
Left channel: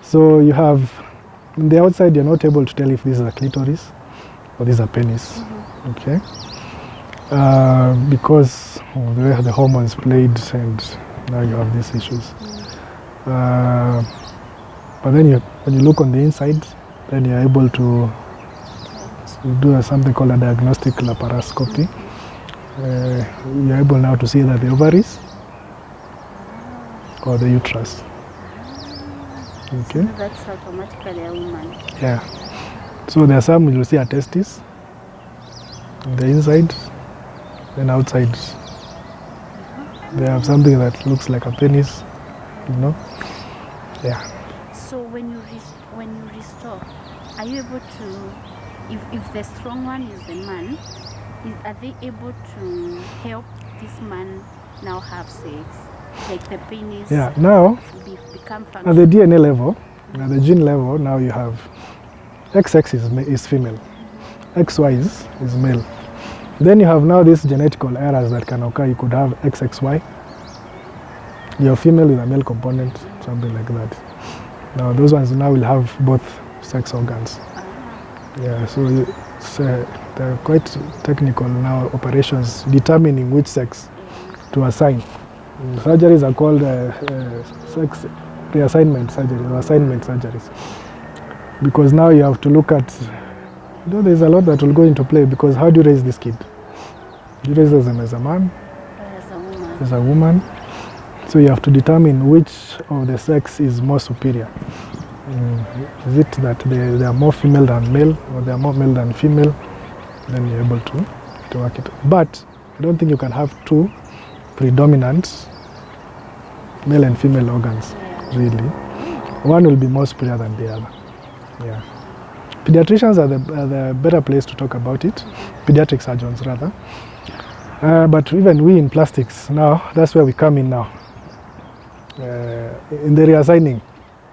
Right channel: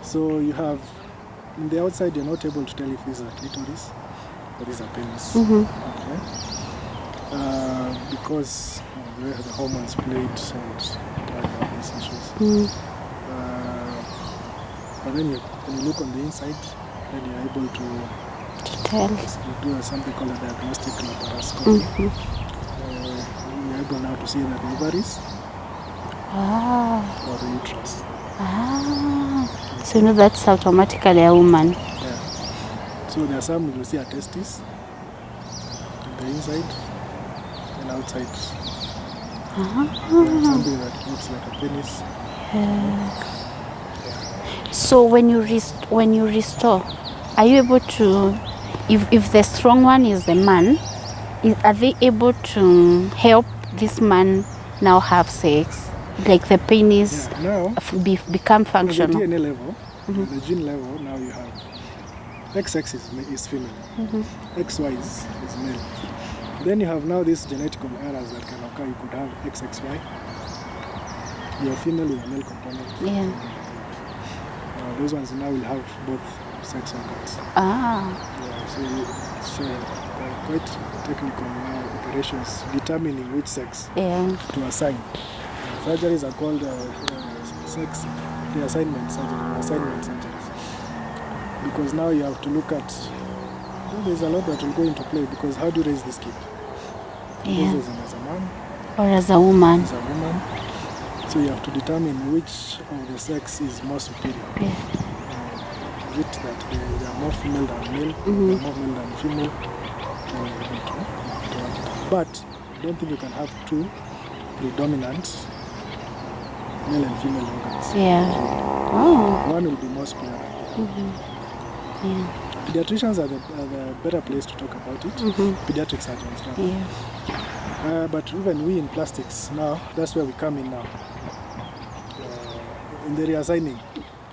So you have, in the outside, you're not able to tell if this is a clitoris or this is a penis. Okay? Because of the way the hormones played, and now you have these issues. But then when you look on the inside, then you're able to do something called a diagnostic laparoscopy. You're able now to see that the ovaries or the uterus. So you know that's automatically a woman. Yeah. So there are some you'll see a testis on the inside, then outside they have something that looks like a penis. You know? Yeah. So when you restore, are you able to, if the strong one is the man, are they able to help this man now have sex? Like the penis now become functional? at the DNA level, at the gene level, now you have XX is female, XY is male. Then you have now these genetical errors that can occur. You could have XXY, you're female with a male component, something like that. Now those ones now will have both sex organs. Yeah, so they're quite technical now, operations determining which sex to assign. Surgeries are called sex reassignment surgery or assignment surgeries. Because now you have to look at, there's a lot that will go into play, because how do you raise this kid? Do you raise them as a man? Or as a woman? As a woman. So you have to determine which of the sex is more superior. Is it that they are more female than male, or they are more male than female? Then you're able to work it out. But I don't think you can have two predominant male and female organs, really. One will be more superior than the other. Pediatricians are the better place to talk about it, pediatric surgeons rather. But even we in plastics now, that's where we come in now. In the reassigning.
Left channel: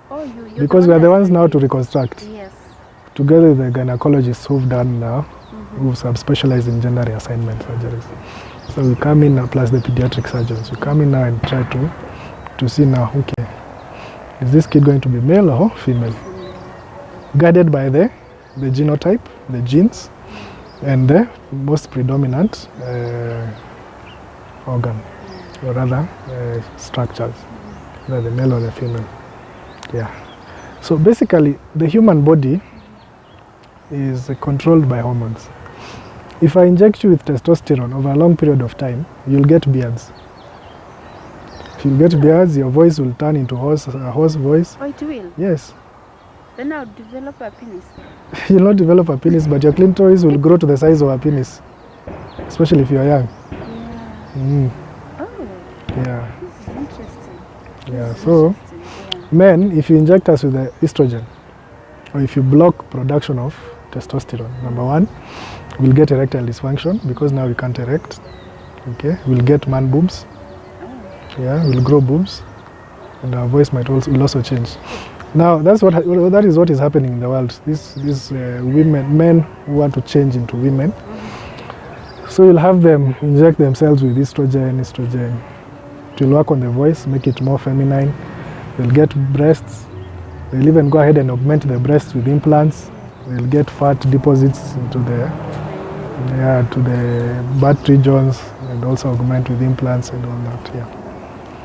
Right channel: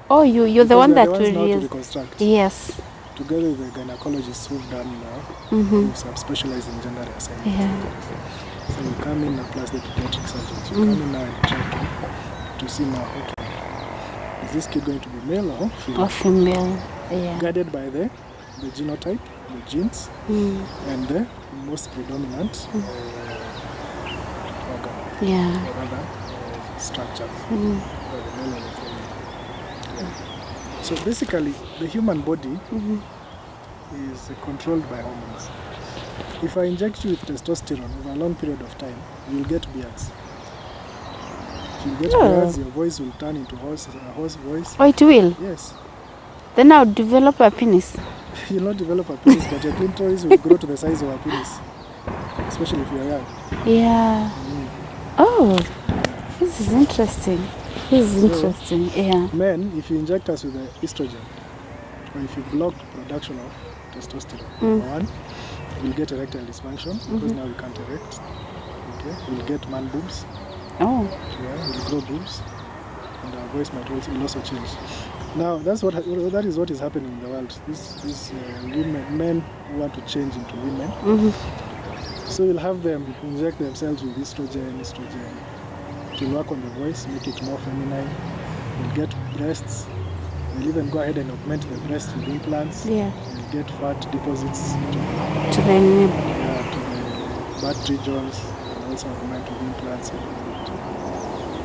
Oh, you're because the one we are that the ones now will to reconstruct. Yes. Together with the gynecologists who've done now, who have specialized in gender reassignment surgeries. So we come in now, plus the pediatric surgeons. We come in now and try to see now, okay, is this kid going to be male or female? Or female, yeah. Guided by the genotype, the genes, and the most predominant organ, or rather structures, whether the male or the female. Yeah. So basically, the human body is controlled by hormones. If I inject you with testosterone over a long period of time, you'll get beards. If you get beards, your voice will turn into a horse voice. Oh, it will? Yes. Then I'll develop a penis. You'll not develop a penis, but your clitoris will grow to the size of a penis, especially if you're young. Yeah. Oh, this is interesting. This is interesting, yeah. Men, if you inject us with the estrogen, or if you block production of testosterone, number one, we'll get erectile dysfunction because now we can't erect. Okay, we'll get man boobs. Oh. Yeah, we'll grow boobs, and our voice will also change. Now that is what is happening in the world. These men who want to change into women. So you'll have them inject themselves with estrogen. It will work on the voice, make it more feminine. They'll get breasts. They'll even go ahead and augment the breasts with implants. Yeah. They'll get fat deposits into the butt regions, and also augment with implants and all that. Yeah.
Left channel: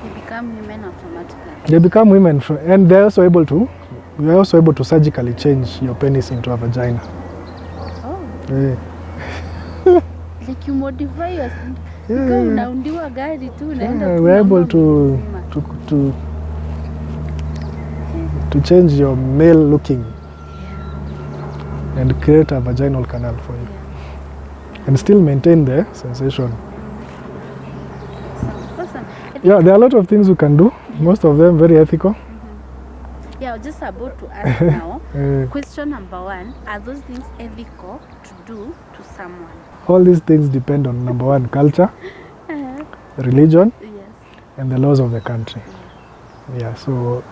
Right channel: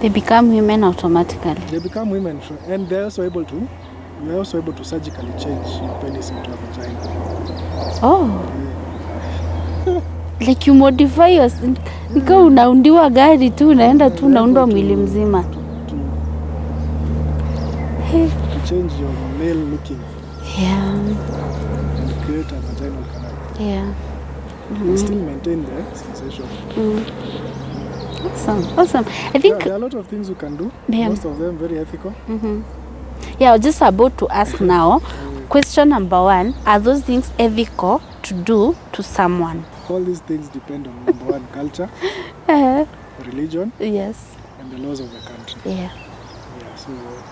They become women automatically. They become women, and they're also able to. We're also able to surgically change your penis into a vagina. Oh. Like you modify your. Ikawa unaundiwa gari tu unaenda tu unaundwa mwili mzima. To change your male looking. Yeah. And create a vaginal canal for you. Yeah. And still maintain the sensation. Awesome. I think there are a lot of things you can do. Yeah. Most of them very ethical. Yeah, I was just about to ask now. Question number one: are those things ethical to do to someone? All these things depend on number one, culture, religion, yes, and the laws of the country. Yeah. So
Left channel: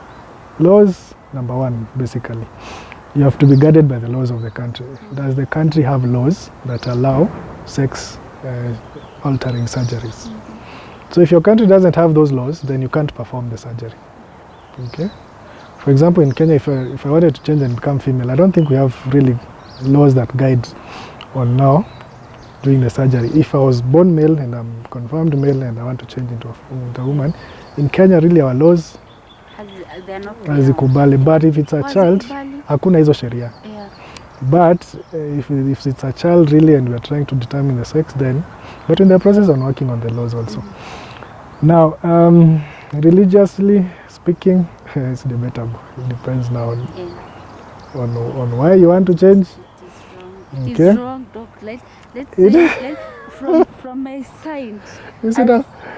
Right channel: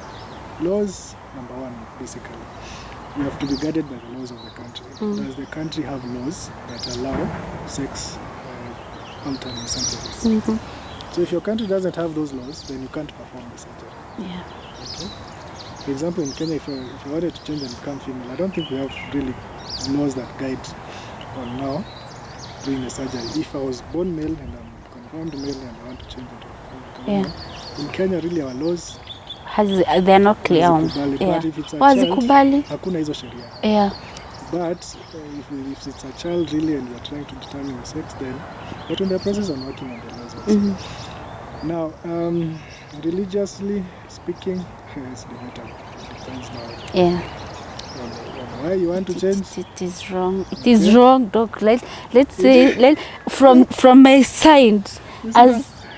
laws, number one, basically, you have to be guided by the laws of the country. Does the country have laws that allow sex altering surgeries? So if your country doesn't have those laws, then you can't perform the surgery. Yeah. Okay. For example, in Kenya, if I wanted to change and become female, I don't think we have really laws that guide on now doing the surgery. If I was born male and I'm confirmed male and I want to change into a woman, in Kenya, really our laws they're not clear. But if it's a child, hakuna hizo sheria. Yeah. But if it's a child really and we are trying to determine the sex, then but in the process on working on the laws also. Now, religiously speaking, it's debatable. It depends now on why you want to change. It is wrong. It is wrong, Doc. Let's say from my side,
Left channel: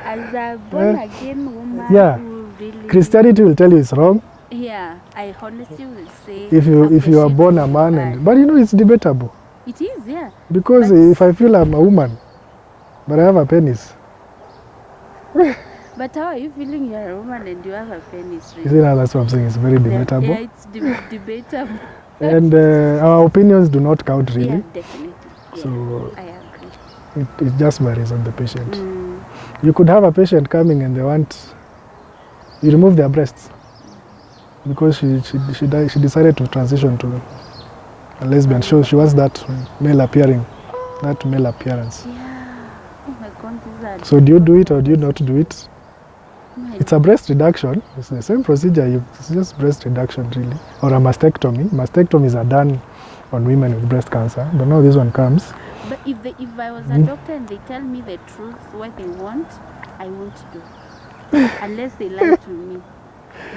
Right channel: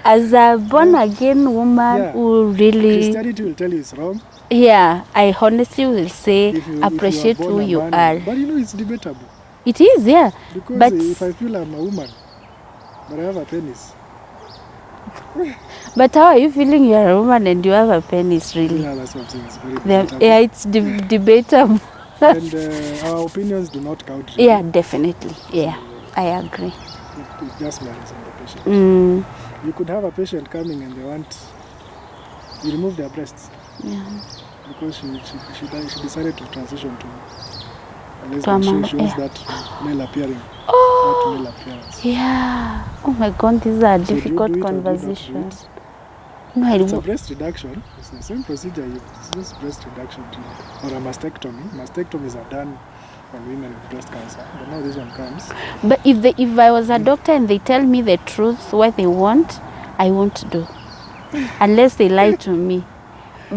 as a born again woman who really Christianity will tell you it's wrong. Yeah, I honestly will say if you are born a man, are. But you know it's debatable. It is, yeah. Because if I feel I'm a woman, but I have a penis. But how are you feeling you're a woman and you have a penis, really? Yeah, that's what I'm saying. It's very debatable. Yeah, it's debatable. And our opinions do not count, really. Yeah, definitely. Yeah, so I agree. It just varies on the patient. You could have a patient coming and they want you remove their breasts. Yeah. Because she decided to transition to a lesbian. So she wants that male appearance. Yeah. Oh my God, these are difficult. So do you do it or do you not do it? No, it's a breast reduction. It's the same procedure. It's just breast reduction, really, or a mastectomy. Mastectomies are done on women with breast cancer, but now this one comes. But if I was a doctor and they tell me the truth, what they want, I won't do, unless they lie to me.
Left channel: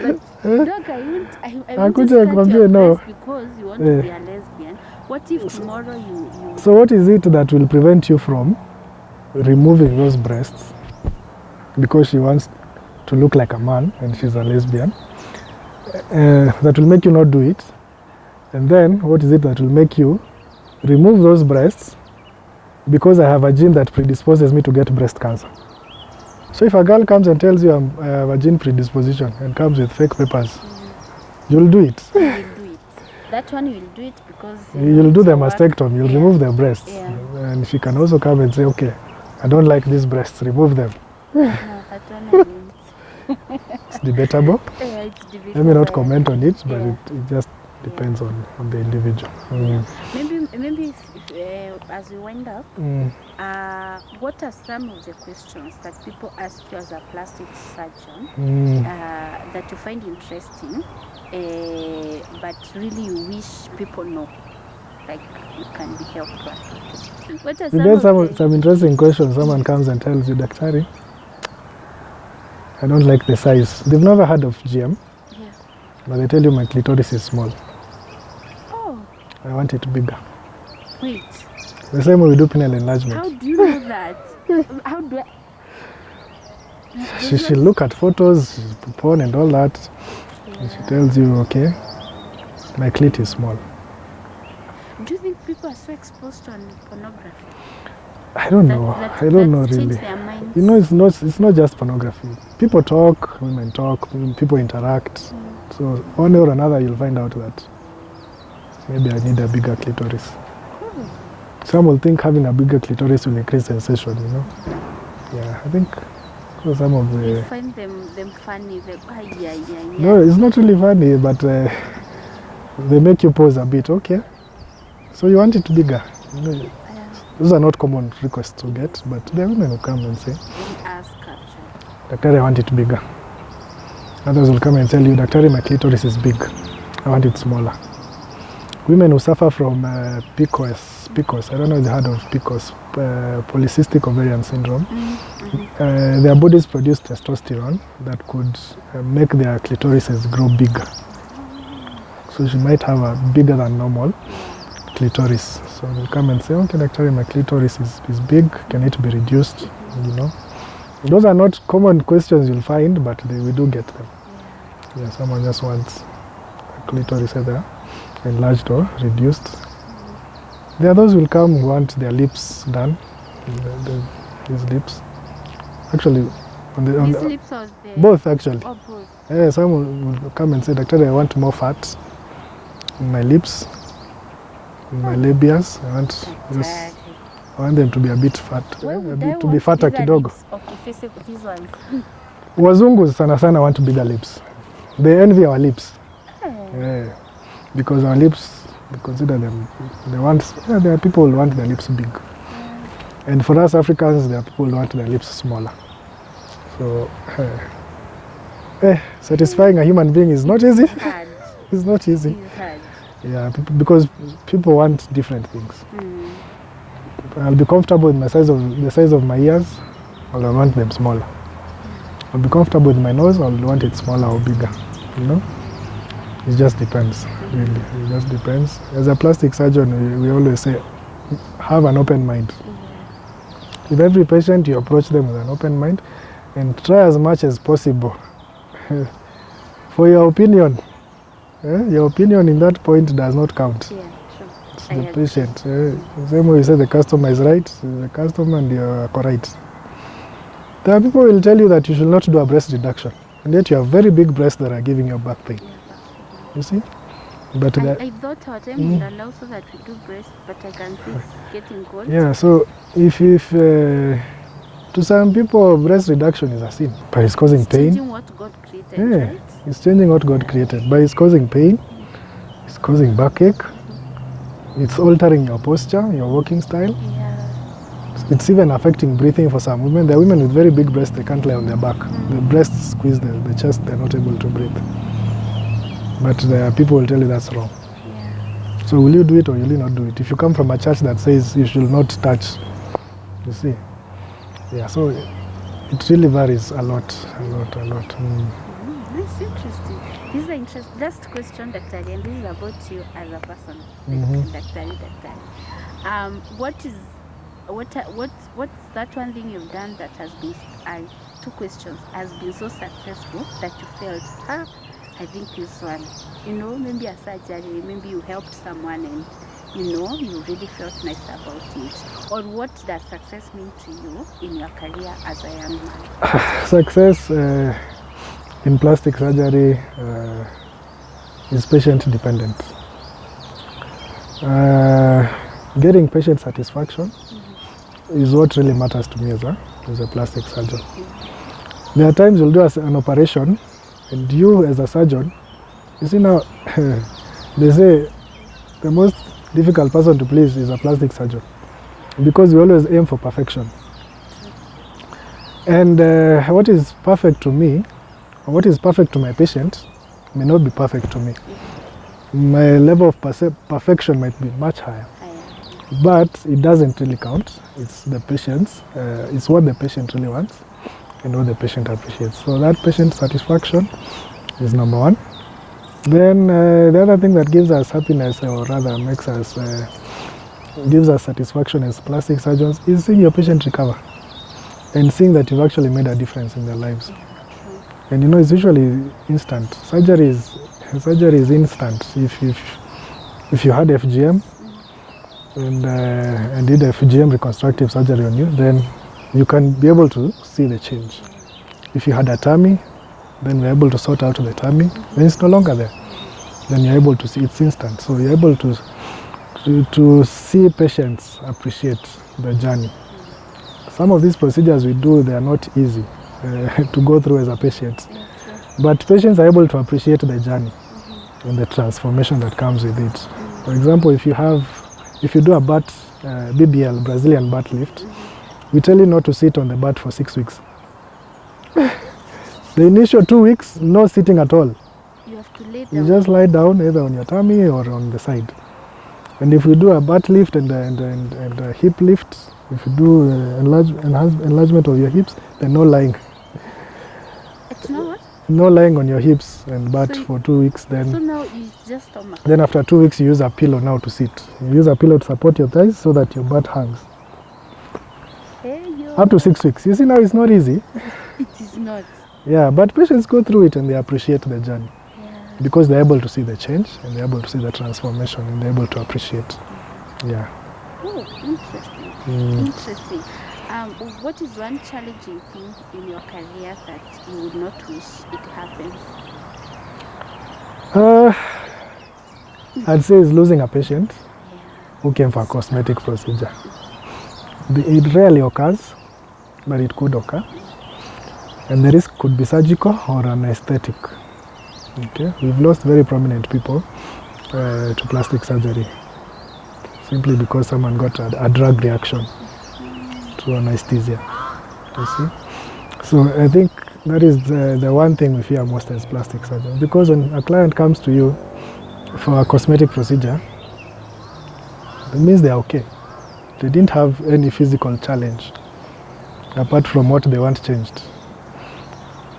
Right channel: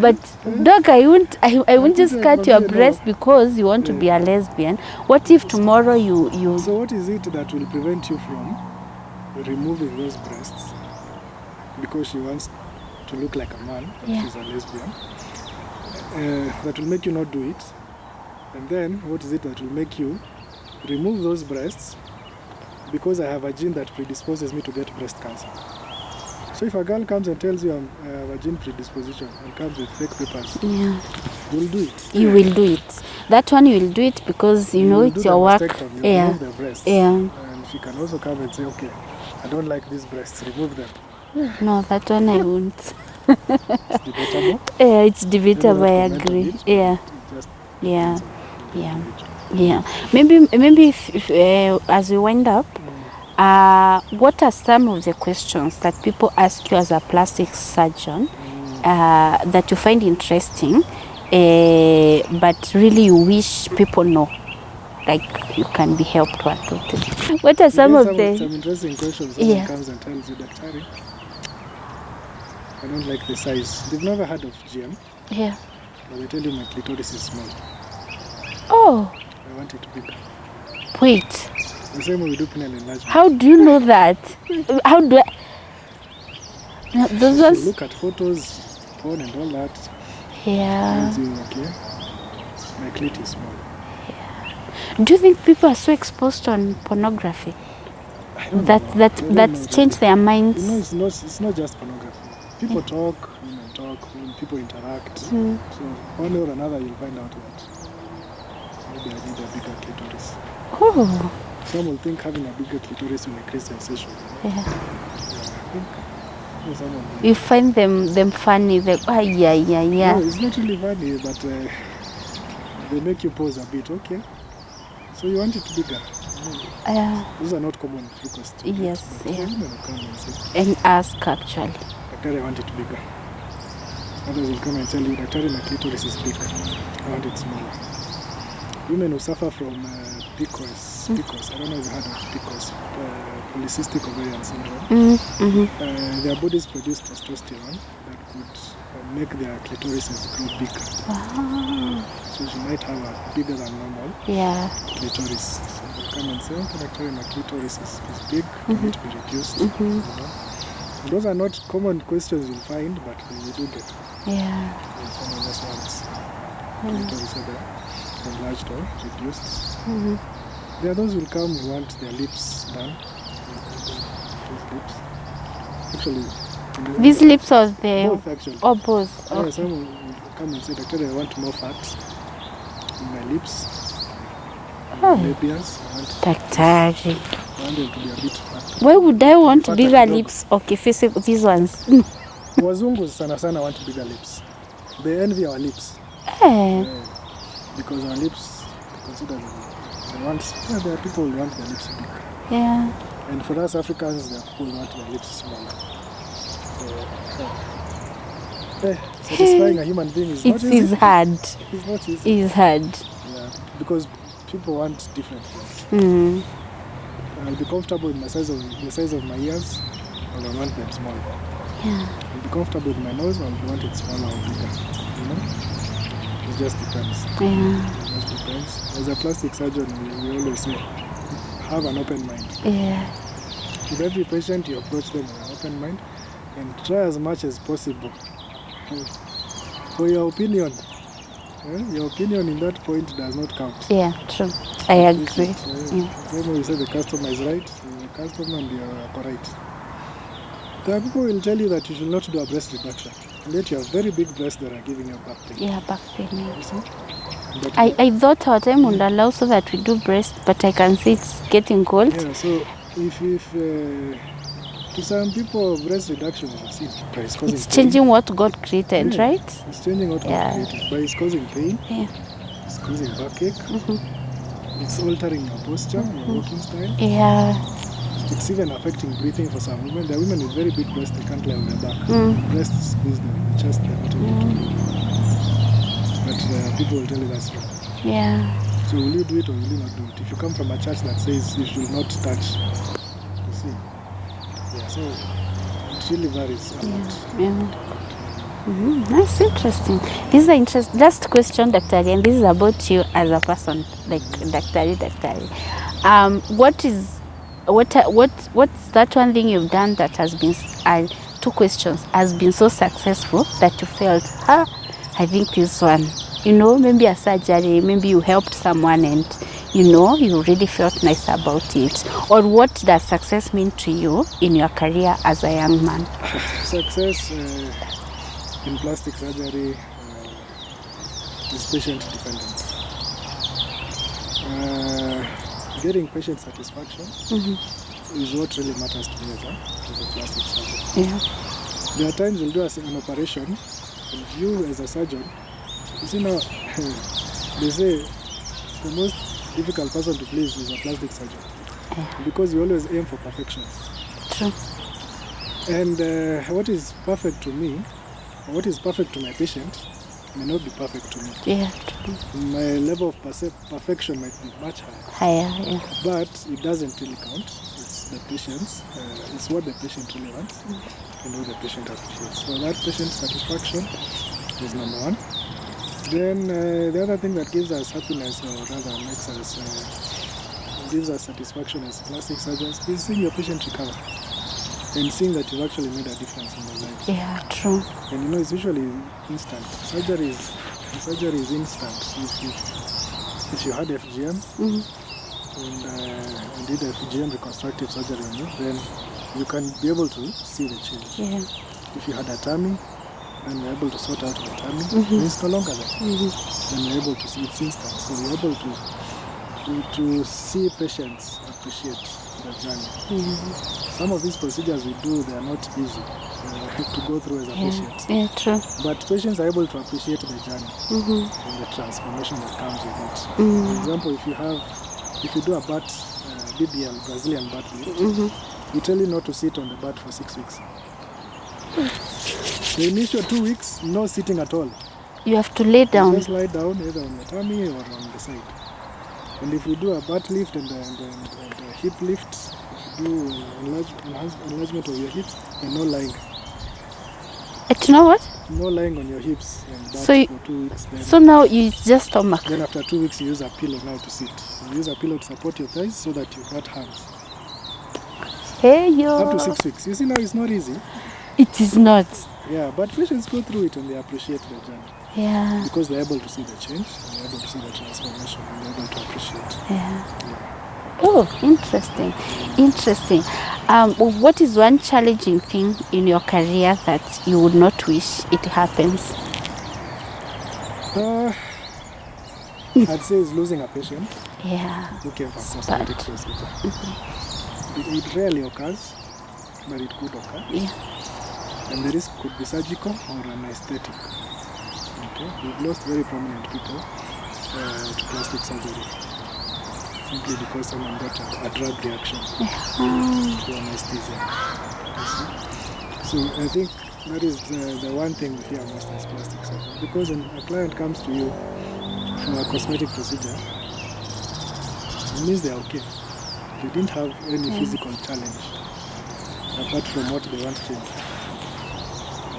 But doc, I won't just cut your breast because you want to be a lesbian. What if tomorrow you? So what is it that will prevent you from removing those breasts because she wants to look like a man and she's a lesbian? That will make you not do it. And then what is it that will make you remove those breasts because I have a gene that predisposes me to get breast cancer. So if a girl comes and tells you I have a gene predisposition and comes with fake papers, you'll do it. You will do it. That one you will do it because you You know will it's do the your work. mastectomy, you'll remove the breasts. Yeah. And she can also come and say, okay, I don't like these breasts, remove them. No, that one I won't. It's debatable. Yeah, it's Let me debatable. not I comment on agree. it, but it just depends on the individual. Yeah. Maybe if as we wind up, what are some of the questions that people ask you as a plastic surgeon that you find interesting, but really you wish people know? Like you can be helped one, two, three. What are some interesting questions? Someone comes and tells you, Daktari, I don't like the size. They've never heard of GM. Yeah. But they tell you my clitoris is small. Oh. I want it bigger. Wait. The same way we do penile enlargement. How do you know that? How do I? She look at photos, porn and all that. Yeah. She tells you, okay, my clit is small. Do you think people are so exposed on pornography? I don't know. That changed their minds? You know, it's not just pornography. People talk, women talk, people interact. So one way or another, you'll find out that maybe I need a bigger clitoris. Oh. Some will think having a bigger clitoris will increase sensation, you know? Yeah, I think some of the... You find them funny, yeah. No, it's not really funny, but they make you pause a bit, okay? So you want it bigger? Those are not common requests to get, but there are women who come and say... And ask, actually. Daktari, I want it bigger. Others will come and tell you, Daktari, my clitoris is big. I want it smaller. Women who suffer from PCOS, I don't know if you heard of PCOS, polycystic ovarian syndrome. Their bodies produce testosterone that could make their clitorises grow bigger. Wow. So she might have a bigger than normal clitoris. So you come and say, okay, Daktari, my clitoris is big, can it be reduced? You know? Those are not common questions you'll find, but we do get them. Yeah, someone just wants clitoris either enlarged or reduced. There are those who will come who want their lips done. These lips. Actually, these lips or the... Both, actually. Oh, both. Yeah, some will come and say, Daktari, I want more fat in my lips, in my labias. I want them to be a bit fat. Why would I want bigger lips? Okay, face these ones. Wazungu sana want bigger lips. They envy our lips. Yeah. Because our lips, we consider them, there are people who want their lips big. Yeah. And for us Africans, there are people who want their lips smaller. So, satisfying a human being is not easy. It's hard. It's not easy. It's hard. Yeah, because people want different things. I'll be comfortable with the size of my ears, or I want them smaller. Yeah. I'll be comfortable with my nose, I'll want it smaller or bigger. You know? It just depends. It just depends. As a plastic surgeon, we always say, have an open mind. Yeah. With every patient, you approach them with an open mind and try as much as possible for your opinion. Your opinion in that point does not count. Yeah, true. I agree. The same way you say the customer is right, the customer and you're correct. There are people who will tell you that you should not do a breast reduction. And yet you have very big breasts that are giving you back pain. Yeah, back pain. Yeah. You see? But I thought our time would allow so that we do breast, but I can see it's getting cold. Yeah, so if to some people breast reduction is a sin, but it's causing pain. It's changing what God created, right? It's changing what God created, but it's causing pain. Yeah. It's causing backache. It's altering your posture, your walking style. Yeah. It's even affecting breathing for some women. There are women with very big breasts, they can't lie on their back. The breasts squeeze the chest, they're not able to breathe. But there are people who will tell you that's wrong. Yeah. So will you do it or will you not do it? If you come from a church that says you should not touch, you see. Yeah, so it really varies a lot. That's interesting. This is an interesting. Last question, Daktari, and this is about you as a person, like Daktari. What's that one thing you've done that has been 2 questions has been so successful that you felt, I think this one, maybe a surgery, maybe you helped someone and you really felt nice about it? Or what does success mean to you in your career as a young man? Success in plastic surgery is patient dependent. Getting patient satisfaction is what really matters to me as a plastic surgeon. Yeah. There are times you'll do an operation and you as a surgeon, you see now, they say the most difficult person to please is a plastic surgeon because we always aim for perfection. True. And what is perfect to me, or what is perfect to my patient, may not be perfect to me. Yeah. My level of perfection might be much higher. Higher, yeah. But it doesn't really count. It's the patient's, it's what the patient really wants and what the patient appreciates. So that patient satisfaction is number one. Then the other thing that gives us happiness, or rather makes us, gives us satisfaction as plastic surgeons, is seeing your patient recover and seeing that you've actually made a difference in their lives. Yeah, true. And it's usually instant. Surgery is instant. If you had FGM and did FGM reconstructive surgery on you, then you can be able to see the change. Yeah. If you had a tummy, then you're able to sort out the tummy, then it's no longer there. Then you're able to see it's instant. So you're able to see patients appreciate the journey. Some of these procedures we do, they are not easy to go through as a patient. Yeah, true. But patients are able to appreciate the journey and the transformation that comes with it. For example, if you do a butt BBL, Brazilian butt lift, we tell you not to sit on the butt for 6 weeks. The initial 2 weeks, no sitting at all. You have to lay down. You just lie down either on your tummy or on the side. And if we do a butt lift and a hip lift, if you do enlargement of your hips, then no lying. You know what? No lying on your hips and butt So for 2 weeks. Then So now you just stomach. Then after 2 weeks, you use a pillow now to sit. You use a pillow to support your thighs so that your butt hangs. Hey, yo. Up to 6 weeks. You see, now it's not easy. It is not. Yeah, but patients go through it and they appreciate the journey. Yeah. Because they're able to see the change and they're able to see the transformation and they're able to appreciate. Yeah. Oh, interesting. Interesting. What is one challenging thing in your career that you would not wish it happens? I'd say is losing a patient who came for a It's cosmetic procedure. It rarely occurs, but it could occur. Yeah. And the risk could be surgical or an aesthetic. Okay, we've lost very prominent people to plastic surgery simply because someone got a drug reaction to anesthesia. You see? So I think that is the one thing we fear most as plastic surgeons, because when a client comes to you for a cosmetic procedure, it means they're okay. They didn't have any physical challenge apart from what they want changed.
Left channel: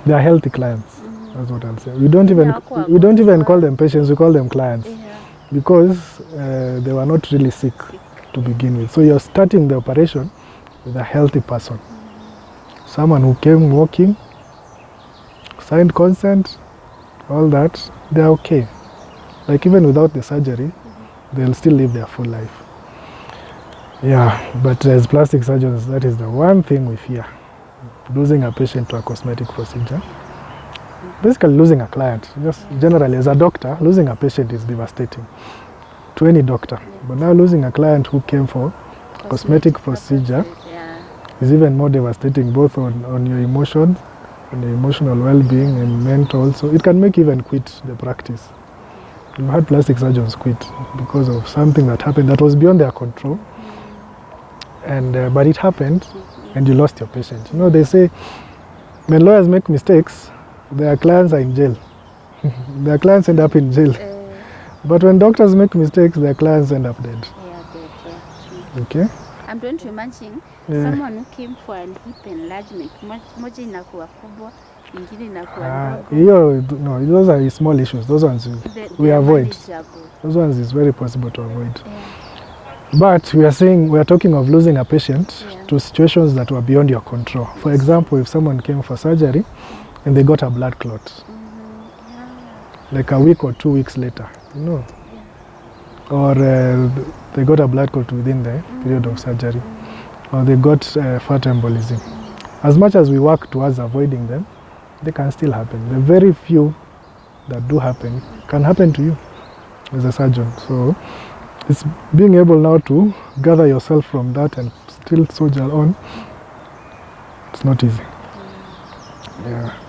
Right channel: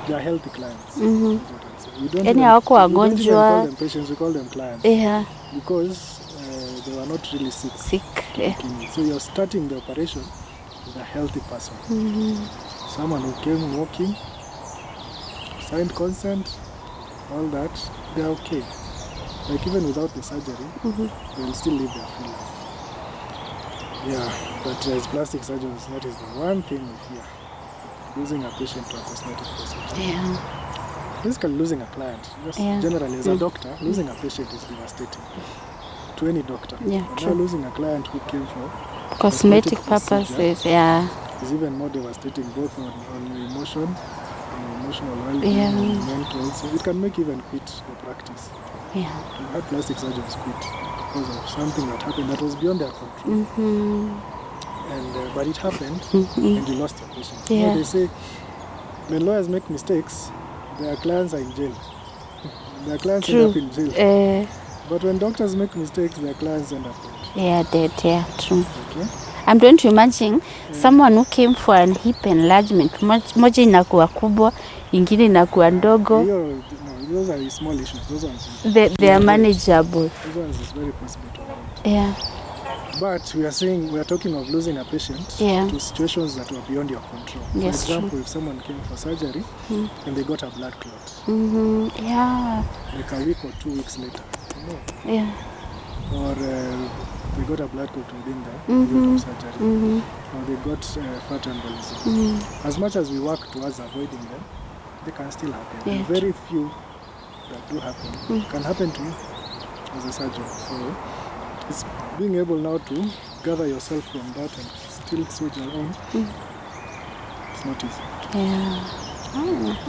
They are healthy clients. That's what I'll say. We don't even call them patients, we call them clients. Yeah. Because they were not really sick to begin with. So you're starting the operation with a healthy person. Someone who came walking, signed consent, all that, they're okay. Like even without the surgery, they'll still live their full life. Yeah, but as plastic surgeons, that is the one thing we fear. Losing a patient to a cosmetic procedure. Basically losing a client. Just generally as a doctor, losing a patient is devastating to any doctor. But now losing a client who came for cosmetic procedure is even more devastating, both on your emotion, on your emotional well-being and mental. So it can make you even quit the practice. We've had plastic surgeons quit because of something that happened that was beyond their control. And but it happened, and you lost your patient. You know, they say when lawyers make mistakes, their clients are in jail. Their clients end up in jail. But when doctors make mistakes, their clients end up dead. Yeah, dead. Yeah, true. Okay. I'm trying to imagine someone who came for an hip enlargement. Moja inakuwa kubwa, ingine inakuwa ndogo. No, those are small issues. Those ones they are manageable. Those ones is very possible to avoid. Yeah. But we are talking of losing a patient to situations that were beyond your control. For example, if someone came for surgery and they got a blood clot, Yeah. like a week or 2 weeks later, or they got a blood clot within the period of surgery, or they got fat embolism. As much as we work towards avoiding them, they can still happen. The very few that do happen can happen to you as a surgeon. So it's being able now to gather yourself from that and still soldier on. It's not easy.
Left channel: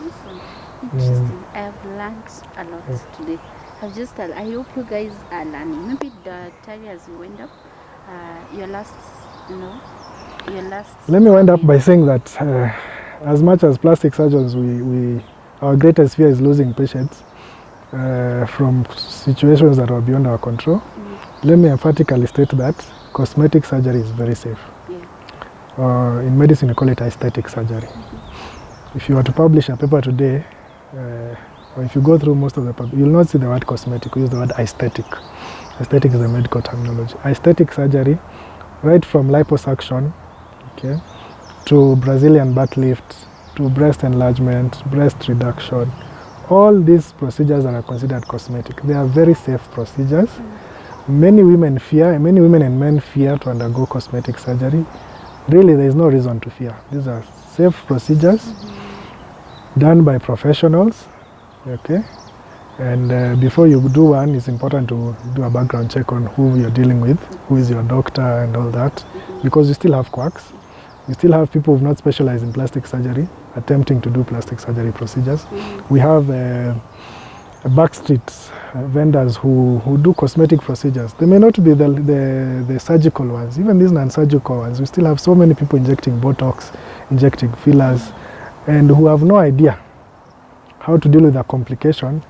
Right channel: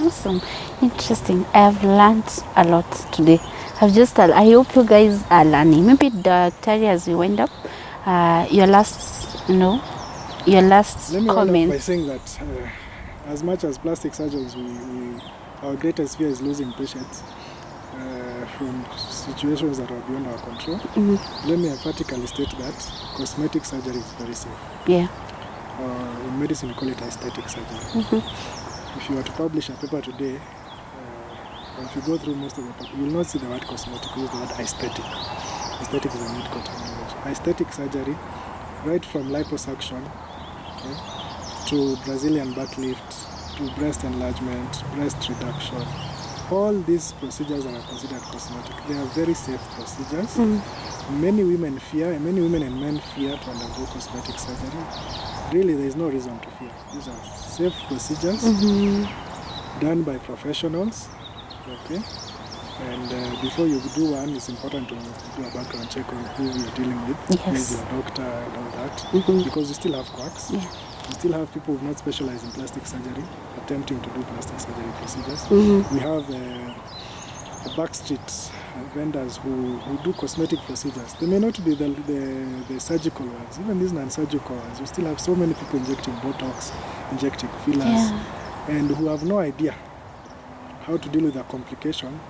Awesome. Interesting. I've learned a lot today. I hope you guys are learning. Maybe Daktari, as we wind up, your last Let me wind up by saying that as much as plastic surgeons, our greatest fear is losing patients from situations that are beyond our control. Let me emphatically state that cosmetic surgery is very safe. Yeah. In medicine, we call it aesthetic surgery. If you were to publish a paper today, or if you go through most of the paper, you will not see the word cosmetic, we use the word aesthetic. Aesthetic is a medical terminology. Aesthetic surgery, right from liposuction, okay, to Brazilian butt lift, to breast enlargement, breast reduction, all these procedures are considered cosmetic. They are very safe procedures. Many women and men fear to undergo cosmetic surgery. Really, there is no reason to fear. These are safe procedures done by professionals, okay? And before you do one, it's important to do a background check on who you're dealing with, who is your doctor and all that, because you still have quacks. You still have people who have not specialized in plastic surgery attempting to do plastic surgery procedures. We have backstreet vendors who do cosmetic procedures. They may not be the surgical ones, even these non-surgical ones. We still have so many people injecting Botox, injecting fillers, and who have no idea how to deal with a complication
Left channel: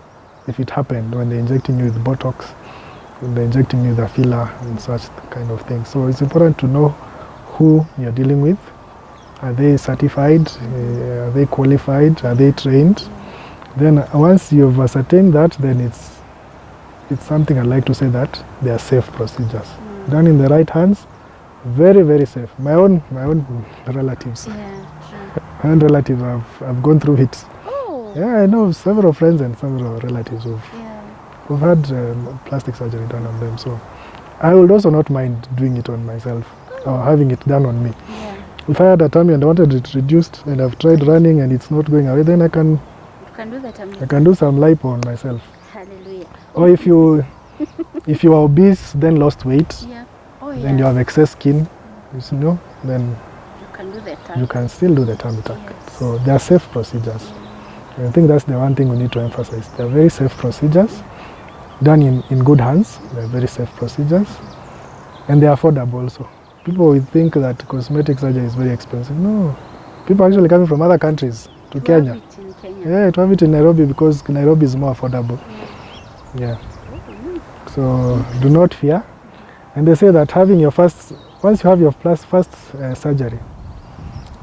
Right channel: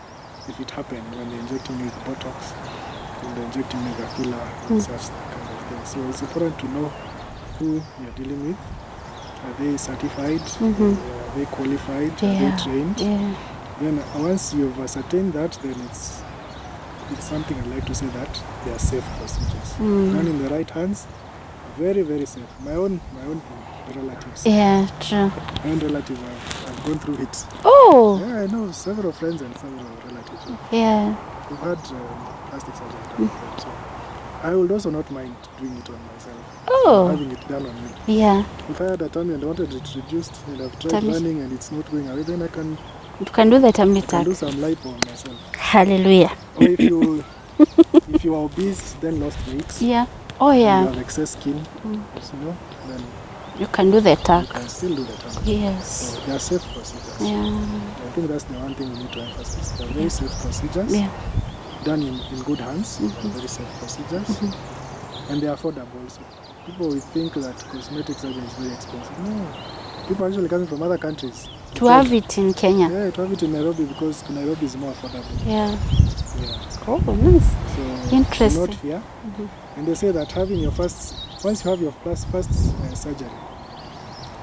if it happened when they're injecting you with Botox, when they're injecting you with a filler, and such kind of thing. So it's important to know who you're dealing with. Are they certified? Are they qualified? Are they trained? Then once you've ascertained that, then it's something I'd like to say that they are safe procedures. Done in the right hands, very, very safe. My own relatives. Yeah, true. My own relative, I've gone through it. Oh! Yeah, I know several friends and several relatives who've had plastic surgery done on them. So I would also not mind doing it on myself. Having it done on me. Yeah. If I had a tummy and I wanted it reduced and I've tried running and it's not going away, then you can do the tummy. I can do some lipo on myself. Hallelujah. Or if you are obese, then lost weight. Yeah. And you have excess skin, then you can do the tummy. You can still do the tummy tuck. Yes. So they are safe procedures. And I think that's the one thing we need to emphasize. They are very safe procedures. Done in good hands. They are very safe procedures. And they are affordable also. People will think that cosmetic surgery is very expensive. No. People are actually coming from other countries to Kenya. Have it in Kenya. Yeah, to have it in Nairobi because Nairobi is more affordable. Yeah. Oh, nice. So do not fear. And they say that having your once you have your first surgery,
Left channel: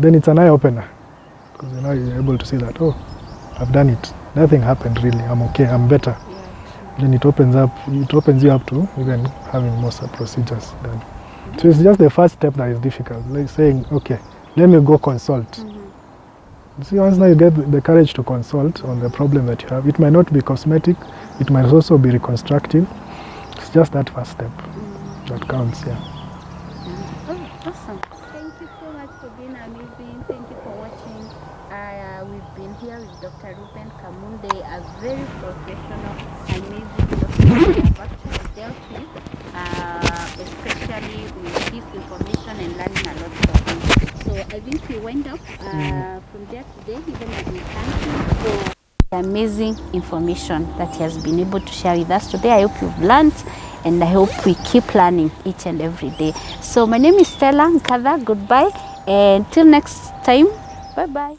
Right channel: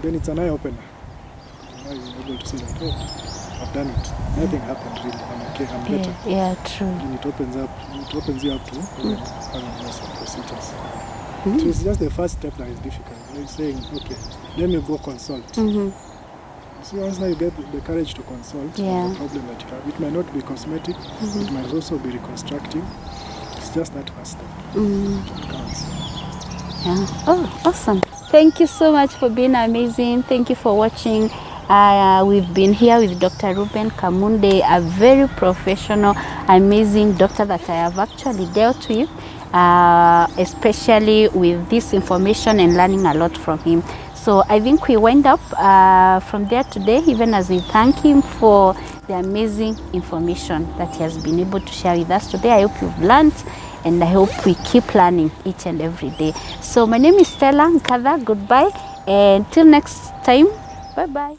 then it's an eye opener. Because you're able to see that, I've done it. Nothing happened really. I'm okay. I'm better. Yeah, true. Then it opens you up to even having more procedures done. So it's just the first step that is difficult, like saying, okay, let me go consult. You see, once now you get the courage to consult on the problem that you have, it might not be cosmetic, it might also be reconstructive. It's just that first step that counts. Oh, awesome. Thank you so much for being amazing. Thank you for watching. We've been here with Dr. Reuben Kamunde, a very professional, amazing doctor that I have actually dealt with, especially with this information and learning a lot from him. So I think we wind up from there today, even as we thank him for the amazing information that he has been able to share with us today. I hope you've learned, and I hope we keep learning each and every day. So my name is Stella Nkadha. Goodbye, and till next time, bye-bye.